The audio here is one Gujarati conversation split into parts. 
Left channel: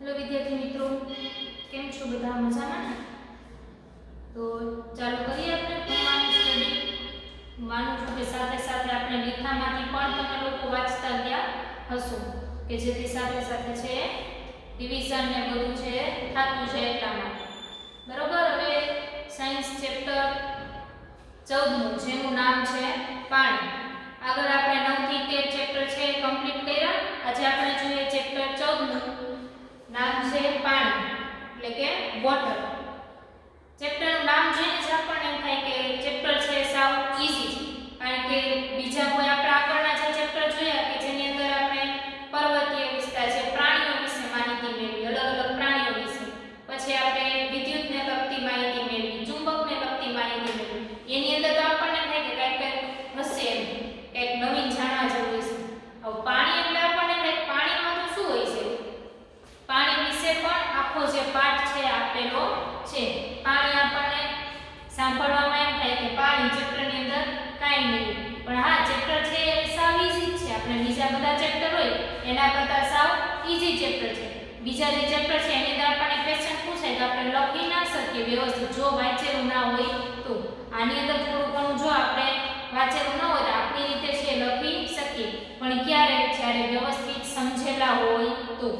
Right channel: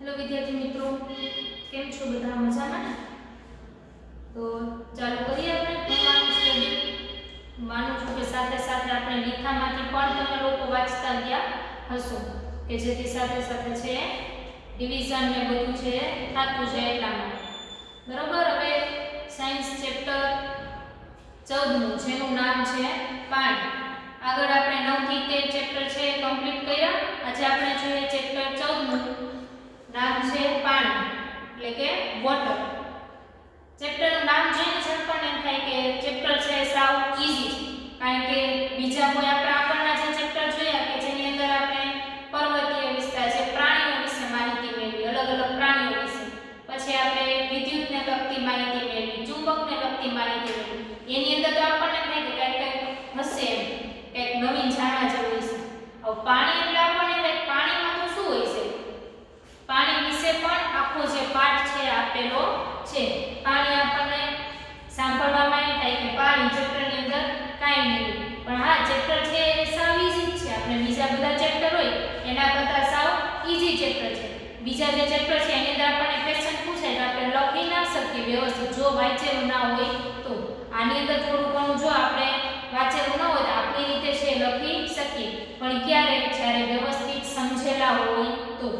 हेलो विद्यार्थी मित्रों, केम छो बधा मजामां ने? तो चालू करिए આપણે ભણવાનું સ્ટડી। માનું છું કે સાથે સાથે આપણે લીખામાંથી પણ તમે લોકો વાંચતા ગયા હશો કે જેથી સાથે સાથે છે ડિવિઝન ને બધું છે થાતું છે એટલામાં બરોબર। હવે સાયન્સ ચેપ્ટર 14 જેનું નામ છે પાણી। આગળ આપણે 9 થી 13 ચેપ્ટર છે કમ્પ્લીટ કર્યા। આજે આપણે જોઈએ ચેપ્ટર 14 नाम छे पानी એટલે કે વોટર। ચેપ્ટર નું નામ જોઈને જ આપણને એમ થાય કે ચેપ્ટર છે સાવ ઈઝી કારણ કે બીજા કોઈ આપણે આગળના જે ચેપ્ટર જોયા કે જેની અંદર આપણે પર્વતીય વિસ્તાર છે પ્રાણીઓ વિશે માહિતી મેળવી અલગ અલગ પ્રાણીઓ વિશે પછી આપણે વિદ્યુતને લગતી માહિતી મેળવી ચુંબકને લગતી માહિતી મેળવી એની અંદર તો આપણને થાય કે કંઈક હશે એમ કંઈક નવીન જાણવા જેવું હશે। હવે પાણી એટલે આપણને થાય પાણીમાં તો શું હોય છે पानी विषे पण आखो जे पाठ छे आपेलो छे। पानी आपने सांभळवामां एम थाय के पानी चेप्टर ની અંદર કાઈ નહીં પણ હા ચેપ્ટર છે એ સાવ ઈઝી છે। આપણે બીજા બધા ચેપ્ટર હોય એના કરતા સાવ ઈઝી ચેપ્ટર છે। બીજા જે ચેપ્ટર છે એની અંદર આપણને ક્વેશ્ચન પૂછાય તો આપણે લખી ના શકીએ વ્યવસ્થિત જો વાંચેલું ના હોય તો। આની અંદર થોડું ઘણું જો આપણે વાંચેલું ન હોય તો આપણી રીતે છે લખી શકીએ પણ ક્યારે જ્યારે વ્યવસ્થિત સમજેલા હોય તો।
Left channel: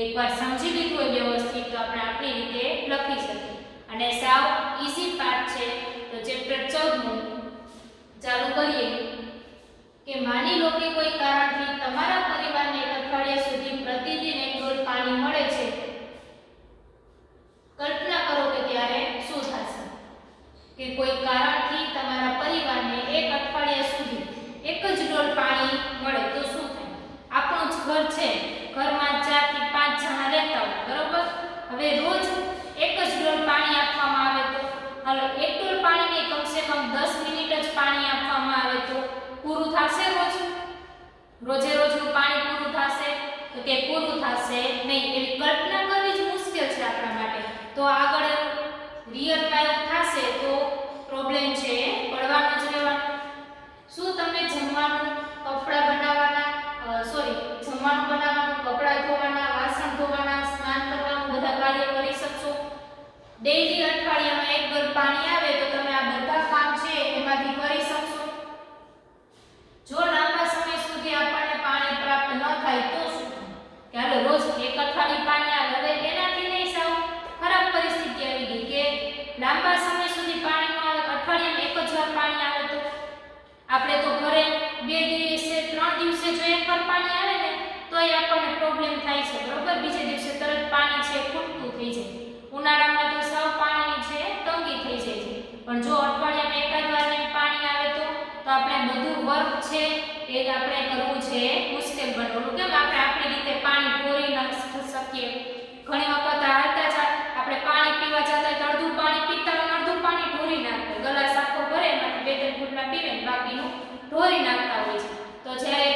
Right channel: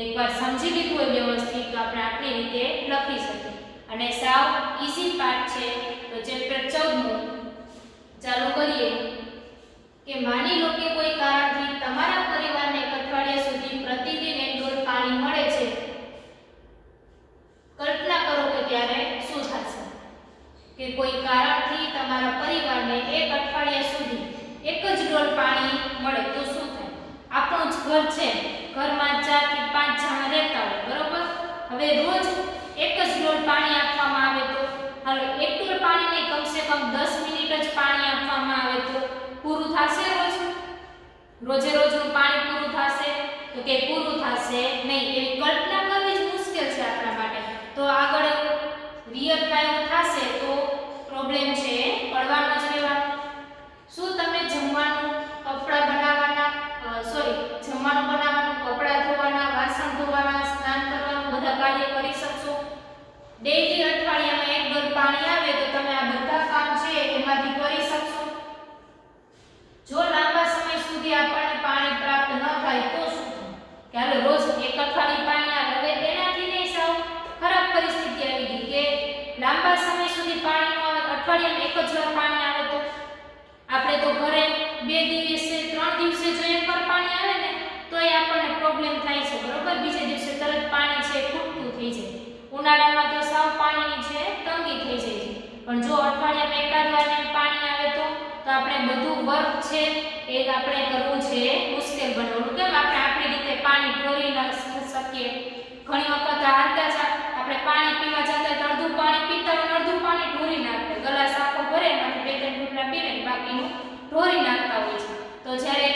एक बार समझी लीधुं होय व्यवस्थित तो आपणे आपणी रीते लखी सकीए अने साव ईजी पार्ट छे। तो चेप्टर 14 चालू करीए के मानी लो के कोई कारणथी तमारा परिवारने एक अठवाडिया सुधी प्रतिदिन एक डोल पाणी मळे छे। कल्पना करो के त्यारे शुं थशे के कोई कारणथी तमारा परिवारने एक अठवाडिया सुधी एक ज डोल पाणी मळे तो शुं थाय। આપણું જ ઘર છે ઘરમાં 4 થી 5 જણા રહેતા હોય બરોબર। હવે રોજ એક જ ડોલ પાણી આપવામાં આવે તો હવે એક ડોલ પાણીને કમ સે કમ 10 મિનિટ જ પાણી આપવામાં આવે તો પૂરું થશે રોજે રોજનું પાણી પૂરું થશે તો કે પૂરું થશે નહીં। એવી કલ્પના કરવી જ મુશ્કેલ છે આપણા માટે। તો આગળ રિયલ કાયું થશે તો પ્રોબ્લેમ છે પડવાનો જ રહેવાનો। શું તમે જમવાનું કપડા બનાવવાના જમવાનું બનાવવાનું કપડા ધોવાના વાસણ ધોવાના સ્નાન કરવાનું બધા કાર્ય કરી શકશો? ડેઈલી અઠવાડિયામાં એક ડોલ પાણી આવે તો તમે આ બધા કામ છે એમાંથી કરી શકશો? જો લાંબા સમય સુધી આપણને પાણી પ્રાપ્ત ન થાય તો શું થાય કે હાલો રોજ એક અઠવાડિયું પાણી આવે હવે એનાથી નહીં સાવ ખરાબ પરિસ્થિતિ આવી ગઈ કે લાંબા સમય સુધી પાણી ન આવે અઠવાડિયામાં એક જ વાર પાણી આવે તો આપણે તો ઘરે 2 દિવસે 3 દિવસે જો એકવાર પાણી આવે ને તો એ આપણને પ્રોબ્લેમ થાય છે બરોબર। બીજે દિવસે તરત પાણી છે ખૂટતું થઈ જાય। ઉનાળામાં તો સાવ પાણીની છે તંગી થઈ જાય છે પણ જો અઠવાડિયામાં એકાદ વાર પાણી આવે તો આપણે બધું વર્ક છે એ આપણે કરવું છે મુશ્કેલ બને। ઓલું કેમ આપણે આપણી રીતે પાણી ઢોરી ન શકીએ ઘણી વખત હાલતા જ આપણે પાણી પીવા જતા તો અડધું પાણી પીતા હોય અડધું પાણી ઢોરી નાખતા ગલાસ આખો ભરે એમાંથી 2-3 ઘૂંટડા પીવે બાકીનું ઢોરી નાખતા હોય છે। તો જ્યારે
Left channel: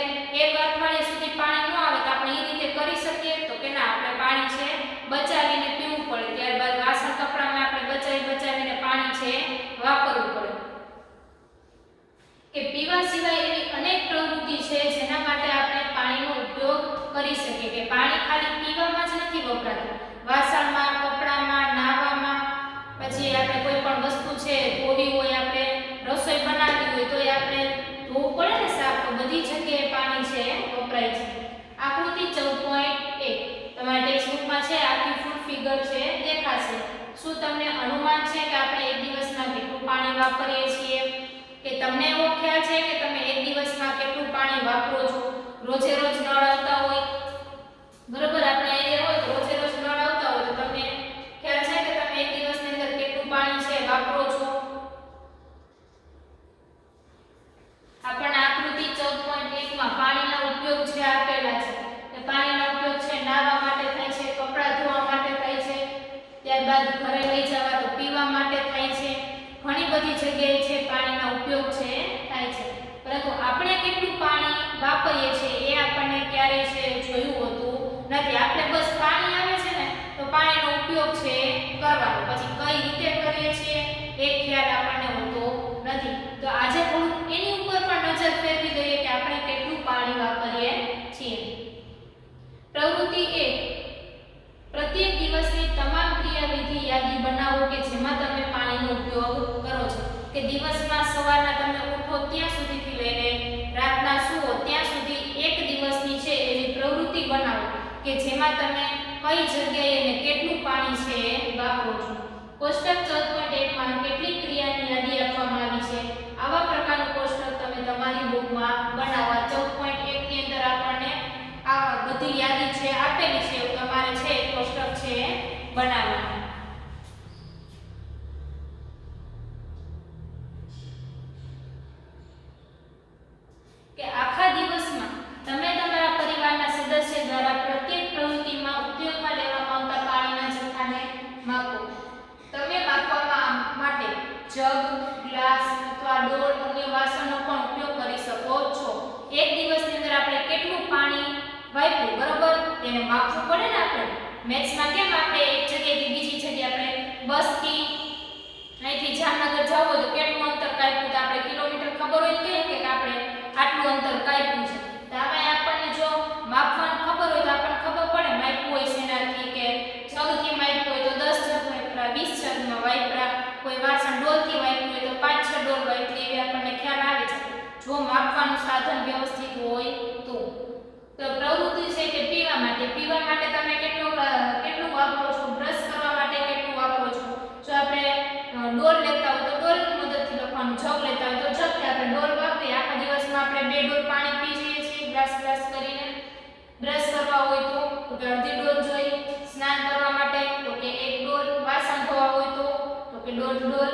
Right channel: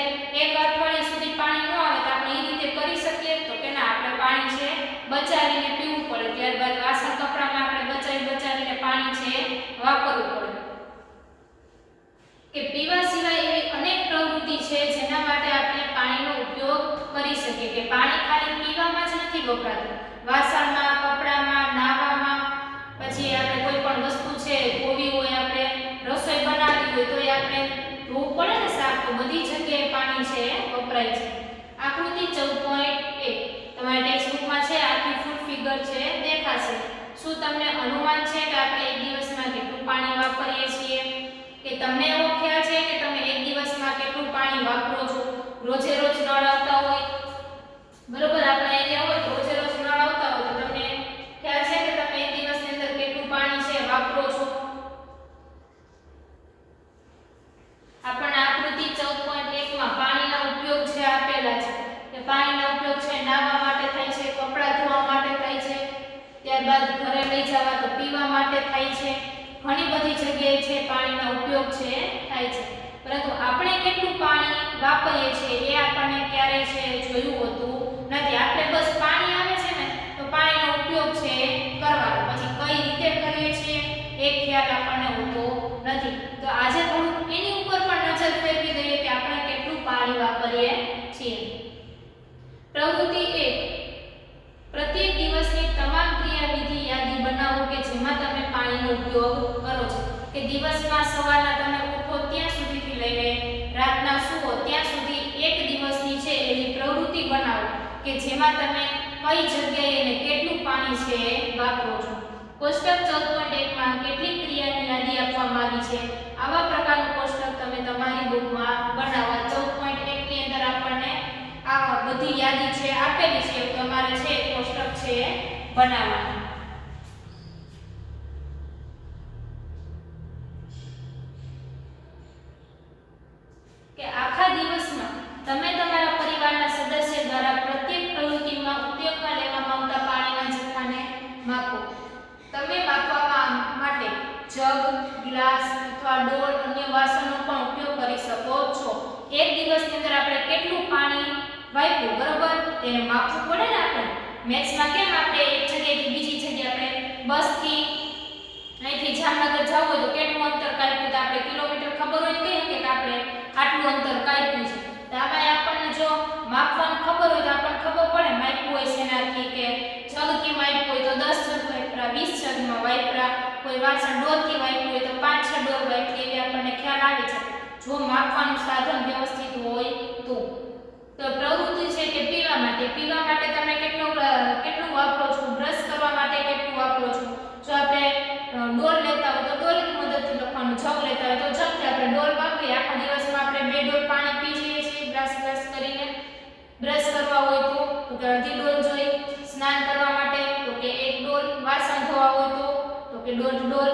એક અઠવાડિયા સુધી પાણી ન આવે તો આપણે એ રીતે કરી શકીએ તો કે ના આપણે પાણી છે બચાવીને પીવું પડે। ત્યારબાદ વાસણ કપડામાં આપણે બચાવીને પાણી છે વાપરવું પડે કે પીવા સિવાય એવી અનેક પ્રવૃત્તિ છે જેના માટે આપણે પાણીનો ઉપયોગ કરી શકીએ કે પાણી ખાલી પીવામાં જ નથી વપરાતું વાસણમાં કપડામાં નાહવામાં પછી આપણે કોઈ પણ વસ્તુ છે ધોવી હોય આપણે રસોઈ બનાવવી હોય તો એ આપણે ધોવું પડે ને સાફ તો બધી જગ્યાએ પાણી છે વપરાય છે। આકૃતિ 14.1 તમારી ટેક્સ્ટબુકમાં છે આખી ફૂલ ફિગર છે દેખાશે। શું તમને અનુમાન છે કે આપણે એક દિવસમાં કેટલું પાણી વાપરીએ છીએ કે તમને એવો ખ્યાલ છે કે તમે એક દિવસમાં કેટલું પાણી વાપરો છો? રોજે રોજ નળ આવતા હોય બરોબર આપણે એરિયા હોય રોજે રોજ નળ આવતા હોય તો તમને ખ્યાલ છે કે તમે એક દિવસની અંદર કેટલું પાણી છે વાપરો છો? આપણને આકૃતિ 14.1 માં પાણીનો ઉપયોગ છે આપેલા છે કે પાણીનો ઉપયોગ છે નાહવા માટે થાય છે કપડાં ધોવા માટે થાય છે ત્યારબાદ ઘરે લઈ જવા તો પીવા માટે થાય છે ઘણી બધી જગ્યાએ છે પાણીનો ઉપયોગ છે થાય છે પરંતુ આપણે કેટલું પાણી વાપરીએ છીએ એ આપણને ક્યારે છે જોયું હોતું નથી। આપણે બસ પાણી આવે છે ને તો પાણીનો ઉપયોગ છે કરવાનો પછી કઈ રીતે કરીએ છીએ એ ખ્યાલ આપણને હોતો નથી। તો આજે થોડું એની ઉપર પણ નજર ફેરવી દઈએ કે આપણે કેટલું પાણી વાપરીએ છીએ। પ્રવૃત્તિ 1 પ્રત્યેક દિવસની તમામ ક્રિયાવિધિ યાદી બનાવો કે જેમાં તમે પાણીનો ઉપયોગ કરો છો, કે દિવસમાં સવારના તમે ઉઠો ત્યાં સુધીથી લઈને રાતના સૂવો ત્યાં સુધી એક દિવસની છે એવી પ્રવૃત્તિ બનાવો કે જેમાં તમે કઈ જગ્યાએ અને કેટલું પાણી છે એ વાપરો છો. કોષ્ટક 14.1 માં કેટલીક ક્રિયાની યાદી આપવામાં આવી છે. આવા પ્રકારનું કોષ્ટક તમે તમારી બુકમાં બનાવવા. 14.1 ની અંદર આપણને આ બધી યાદી છે આપેલી છે, તમારે છે કોષ્ટક છે બનાવવાનું. કે આખા દિવસમાં તમે તમારા પરિવારના સદસ્ય દ્વારા પ્રત્યેક પ્રવૃત્તિમાં ઉપયોગમાં લેવામાં આવતા પાણીના જથ્થાને માપો. તમે માપવા માટે જગ, ગ્લાસ અથવા ડોલ અન્ય વાસણનો પણ ઉપયોગ કરી શકો છો. એક દિવસની અંદર આપણે કેટલું પાણી વાપર્યું, બરોબર, તેને માપવું પડે ને. આપણે મેથ્સમાં કેમ આપણે એક જગ્યાએથી બીજી જગ્યાએ આપણે બસથી અહીંથી જામનગર જવું હોય તો કેટલું અંતર કાપ્યું, તો આપણે કિલોમીટર ખબર હોય તો કહીએ કે આપણે આટલું અંતર કાપ્યું છે. તો આમાં આપણને જો માપવાનું ખબર હોય તો આપણને ખબર પડે માપ્યું હોય શેનાથી, કે જગથી માપ્યું હોય તો 10 જગ વાપરા, 20 જગમાં વાપરા, કોઈ વાસણ ડોલથી વાપર્યું હોય તો 5-6 ડોલ વાપરી, એવી આપણને ખ્યાલ આવી જાય જો માપવાનું સાધન વ્યવસ્થિત હોય તો. પ્રવૃત્તિ છે કે પીવા માટે તમે કેટલું વાપરો છો, બ્રશ કરવા માટે કેટલું વાપરો છો. જો આપણે ડોલ લેતા હોય તો ડોલની મદદથી લખવાનું, જગ લેતા હોય તો જગથી આપણે ડોલ વાપરીએ. આખા દિવસમાં આપણે 2 ડોલ પાણી પી જઈએ છીએ ગ્લાસ કરીને. બ્રશ કરવા હોય તો કે અડધી ડોલ જોઈ, સ્નાન કરવા માટે તો કે 1 ડોલ, વાસણ ધોવા હોય તો કે 1.5 ડોલ,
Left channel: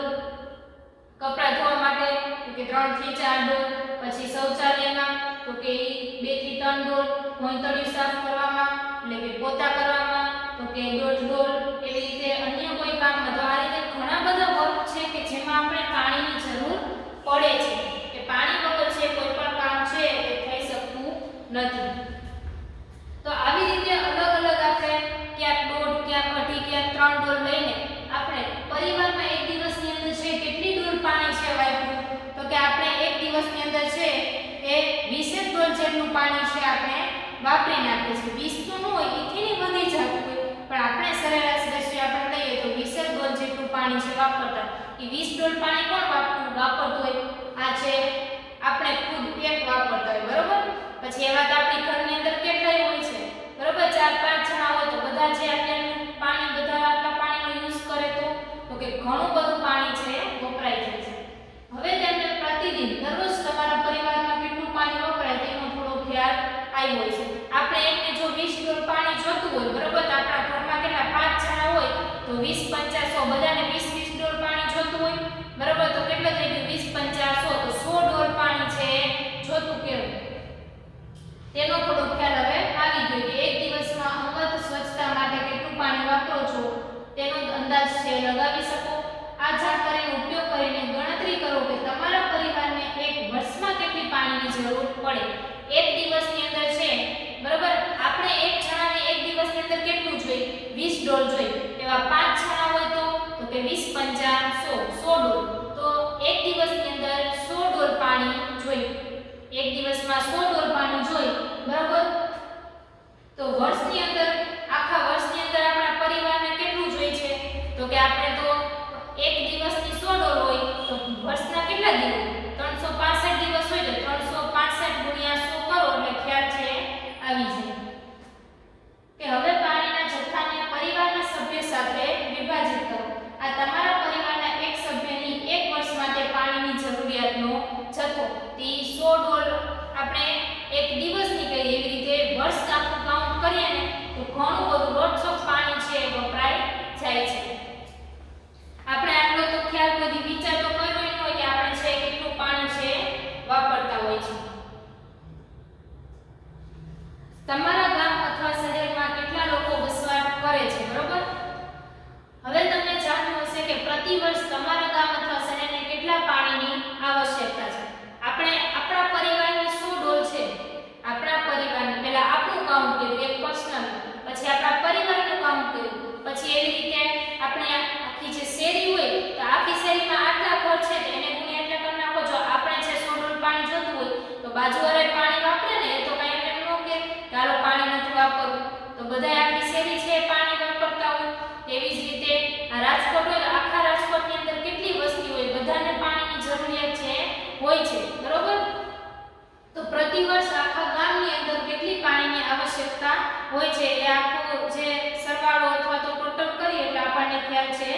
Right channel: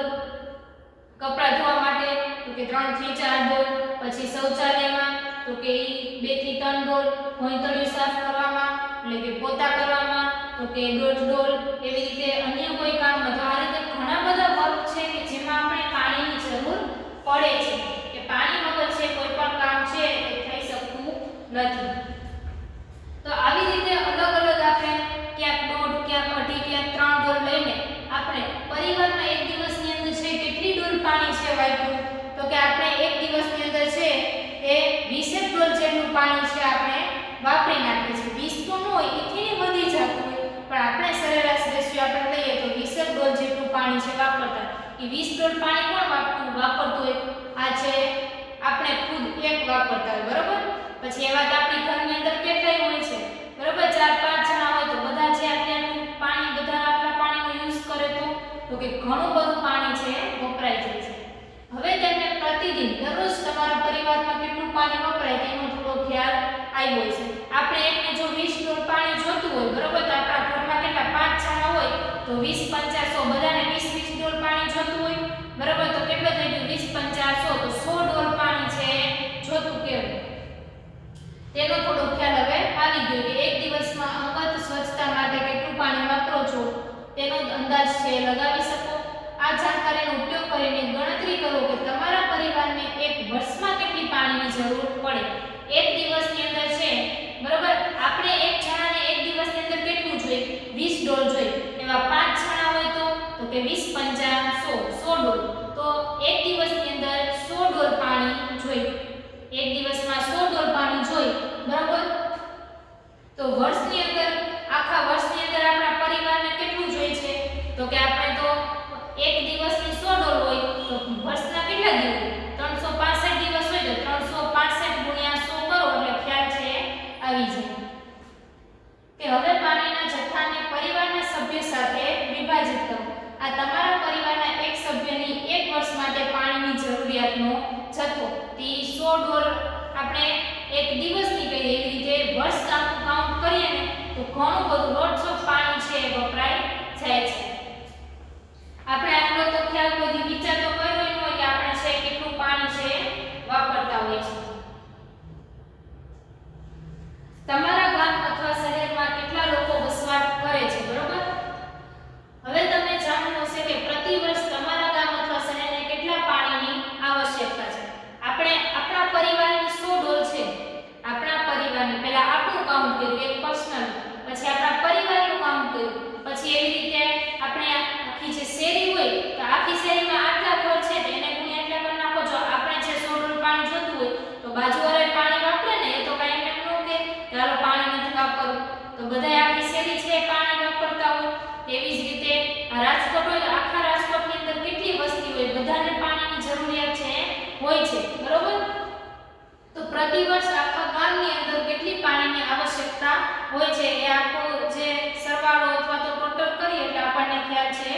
કપડાં ધોવા માટે તો કે 3 થી 4 ડોલ, પછી શૌચાલયમાં તો કે 2 થી 3 ડોલ, ભોંયતળિયું સાફ કરવામાં એટલે કે પોતા કરવામાં તો કે 1.5 ડોલ, એવી રીતે અન્ય કોઈ કામમાં. તો આ રીતે ઘણા બધા વર્ક છે કે જેમાં આપણે પાણીની જરૂર પડે છે, કે પાણી વગર છે કોઈ પણ કામ છે એ થઈ શકતું નથી. તો આવી રીતે અલગ અલગ આપણે ક્યાંક 1.5, ક્યાંક 2.5, ક્યાંક 3 ડોલ લઈને આપણે પરિવારમાં એક દિવસની અંદર છે કેટલી ડોલ પાણી છે વાપર્યું, તો કે આપણે એક દિવસની અંદર છે એ 20 ડોલ જેટલું પાણી છે આપણે વાપરી નાખીએ છીએ. 20 તો ન હોય, એથી વધી જતું હોય, પણ આપણે સરેરાશ રેશિયો આપણે લઈએ તો 20 ડોલ જેટલું પાણી છે વાપરતા. એ 20 ડોલ પાણી કોણ વાપરતું હોય? આ છે આપણે ખુદ એક વાપરતા હોય, બરોબર. પછી એવા તો આપણી ઘરની અંદર કેટલાય હોય છે, બરોબર, 4-5 જણા હોય તો બધા જે આટલું પાણી આટલા પાણીનો યુઝ કરે તો કે ઘણું બધું પાણી છે વપરાઈ જાય છે. હવે તેમને પ્રતિદિન દરરોજ તમારા પરિવારમાં કેટલું પાણી વપરાય તેનો થોડો ખ્યાલ આવ્યો છે. આપણે એકને જો 20 ડોલ પાણી જોતું હોય, બરોબર, તો આપણા ઘરમાં કેટલા 5 જણા હોય તો 20 × 5 બધાને 20 ડોલ પાણી જોતું હોય, બરોબર. તો કેટલું થઈ ગયું? 20 × 5 તો 100 ડોલ પાણી છે જોતું કેવું, તેનો થોડો ખ્યાલ હવે આવી ગયો કે એક દિવસમાં અંગત સ્વચ્છતા માટે કેટલું પાણી વાપરો છો તેનો અંદાજ છે લગાવી શકો. આ જાણકારીનો ઉપયોગ કરીને ગણતરી કરો કે તમારા પરિવારને એક વર્ષમાં કેટલી પાણીની જરૂર પડે. એક દિવસની અંદર છે, બરોબર, આપણે એક જણાને એક દિવસની અંદર કેટલું જોઈએ? 20 ડોલ જોઈએ. એવા 5 જણા હોય તો કે 20 × 5 100 ડોલ. તો એક દિવસની અંદર 100 ડોલ પાણી જોઈએ. એક દિવસમાં 100 ડોલ પાણી જોઈએ, બરાબર. તો વર્ષની અંદર, આખા વર્ષની અંદર આપણા પરિવારને કેટલું જોઈએ છે? તો કે આપણે તો એક દિવસની 100 ડોલ હોય તો વર્ષના કેટલા દિવસ? 365 દિવસ હોય તો 365 × 100 કરો એટલે ખ્યાલ છે આવી જાય. કે હવે પાણીના જથ્થાને પરિવારના સભ્ય સાથે વિભાજિત કરો. આ તમારા પરિવારના એક સભ્યની એક વર્ષ માટે પાણીની જરૂરિયાતનો જથ્થો. તે 100 ડોલ આપણે એક દિવસની કહીએ, એવી રીતે વર્ષ આખું કાઉન્ટ કરીએ ને તો ઘણું બધું લોટ્સ ઓફ પાણી છે વપરાય જાય છે. આપણે આટલો તો ખ્યાલ બધી વિચાર તો કર્યો ન હોય કે આપણે છે કેટલું પાણી છે વાપરતા હોય છે. તમારા ગામ અથવા શહેરમાં કેટલા લોકો વસવાટ કરે છે, બરોબર. હવે તમે જાણ્યું હશે કે પ્રતિ વર્ષ તમારા ગામ અથવા શહેરને કેટલા પાણીની આવશ્યકતા છે. આપણે આપણા પરિવારની 100 ડોલ છે. આપણા પરિવારને પહેલા આપણું કાઉન્ટ કર્યું, એક પર્સનલ, પછી આપણા પરિવારનું કાઉન્ટ કર્યું, પછી એવી રીતે આપણે આખી જે શેરી હોય તો આખી શેરીમાં આટલા ઘર છે તો એને ગુણ્યા એટલા કરી નાખો. જો આપણે છે 100 ડોલ પાણી જોતું હોય તો બાજુવાળાએ પાણી વાપરે ને, એ તો કાંઈ એમ ન કે ચાલો પાણી નથી વાપરવું, તો બધાય આખી શેરી છે પાણી વાપરતા હોય. તેવી જ રીતે આ રાજકોટ હોય, આખા રાજકોટની અંદર કેટલી વસ્તી હોય, બધાને પાણીની જરૂરિયાત છે હોય છે, બરોબર. તો પ્રતિવર્ષ આખા ગામની અંદર કેટલી પાણીની આવશ્યકતા હોય છે એ આખો જે સરવાળો અથવા તો ટોટલ કરી એટલે આપણને ખ્યાલ છે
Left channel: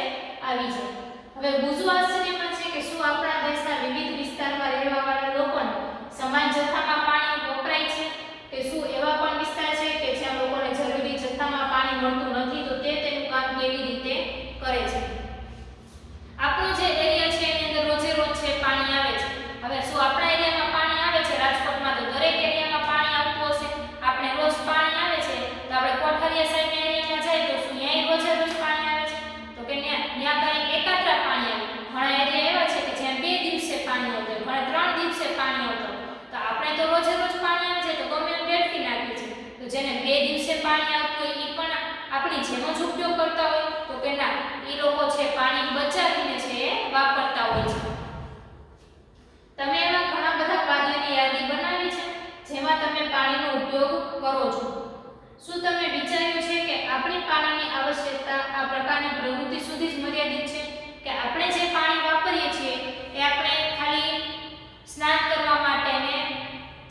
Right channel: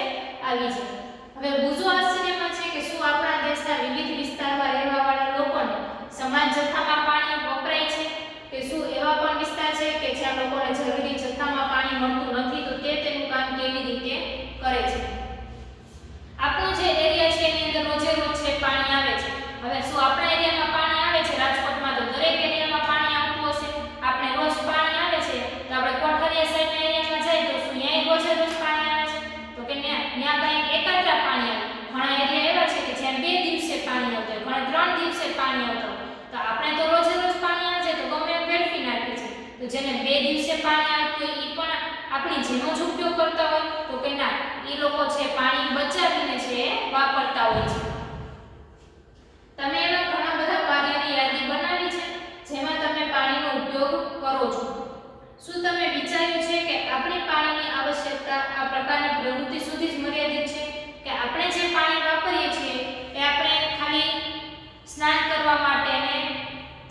આવી જાય. હવે બીજું આશ્ચર્યમાં છે કે શું આપણા દેશના વિવિધ વિસ્તારમાં રહેવાવાળા લોકોને સમાન જથ્થામાં પાણી વપરાય છે કે શું એવા પણ વિસ્તાર છે કે જ્યાં લોકોને જરૂરી જથ્થામાં પાણી મળતું નથી, તો તે તેનું કામ કેવી રીતે કરે છે. આપણો જે એરિયા છે એની અંદર રોજે રોજ છે પાણી આવે છે. હવે શું આપણા એરિયામાં પાણી આવે છે? રાજકોટમાં તો દરેક એરિયામાં પાણી આવતું હશે. આપણે રોજ પાણી આવે છે તો આપણે કોઠારીયા સાઈડના એરિયામાં જાય તો શું ત્યાં રોજે રોજ પાણી આવે છે? તો કે ત્યાં કઈ એકાત્રા પાણી આવે. ઘણા એરિયા એવા છે કે જ્યાં 2 દિવસે પાણી આવતું હોય, ઘણા 3 દિવસે પાણી આવતું હોય. તો આપણે તો રોજે રોજ પાણી આવે છે તો ગમે એમ વેડફી નાખીએ છીએ. તો જેને 2 દિવસે પાણી આવતું હોય એ પણ આપણી જેવો જ ઉપયોગ કરતા હોય, તો કે ના, એ લોકો છે પાણી બચાવીને છે વાપરતા હોય છે. તમે એવા ઘણા બધા કાર્યની યાદી બનાવી છે જેમાં તમે પાણીનો ઉપયોગ કરો છો. શું તમે વિચાર્યું છે કે આપણી પાણીની આવશ્યકતા આ પ્રકારની પ્રવૃત્તિ સુધી જ મર્યાદિત છે કે આપણે જે પાણી વાપરીએ છીએ એ આપણે ખાલી સ્નાન કરવા માટે ને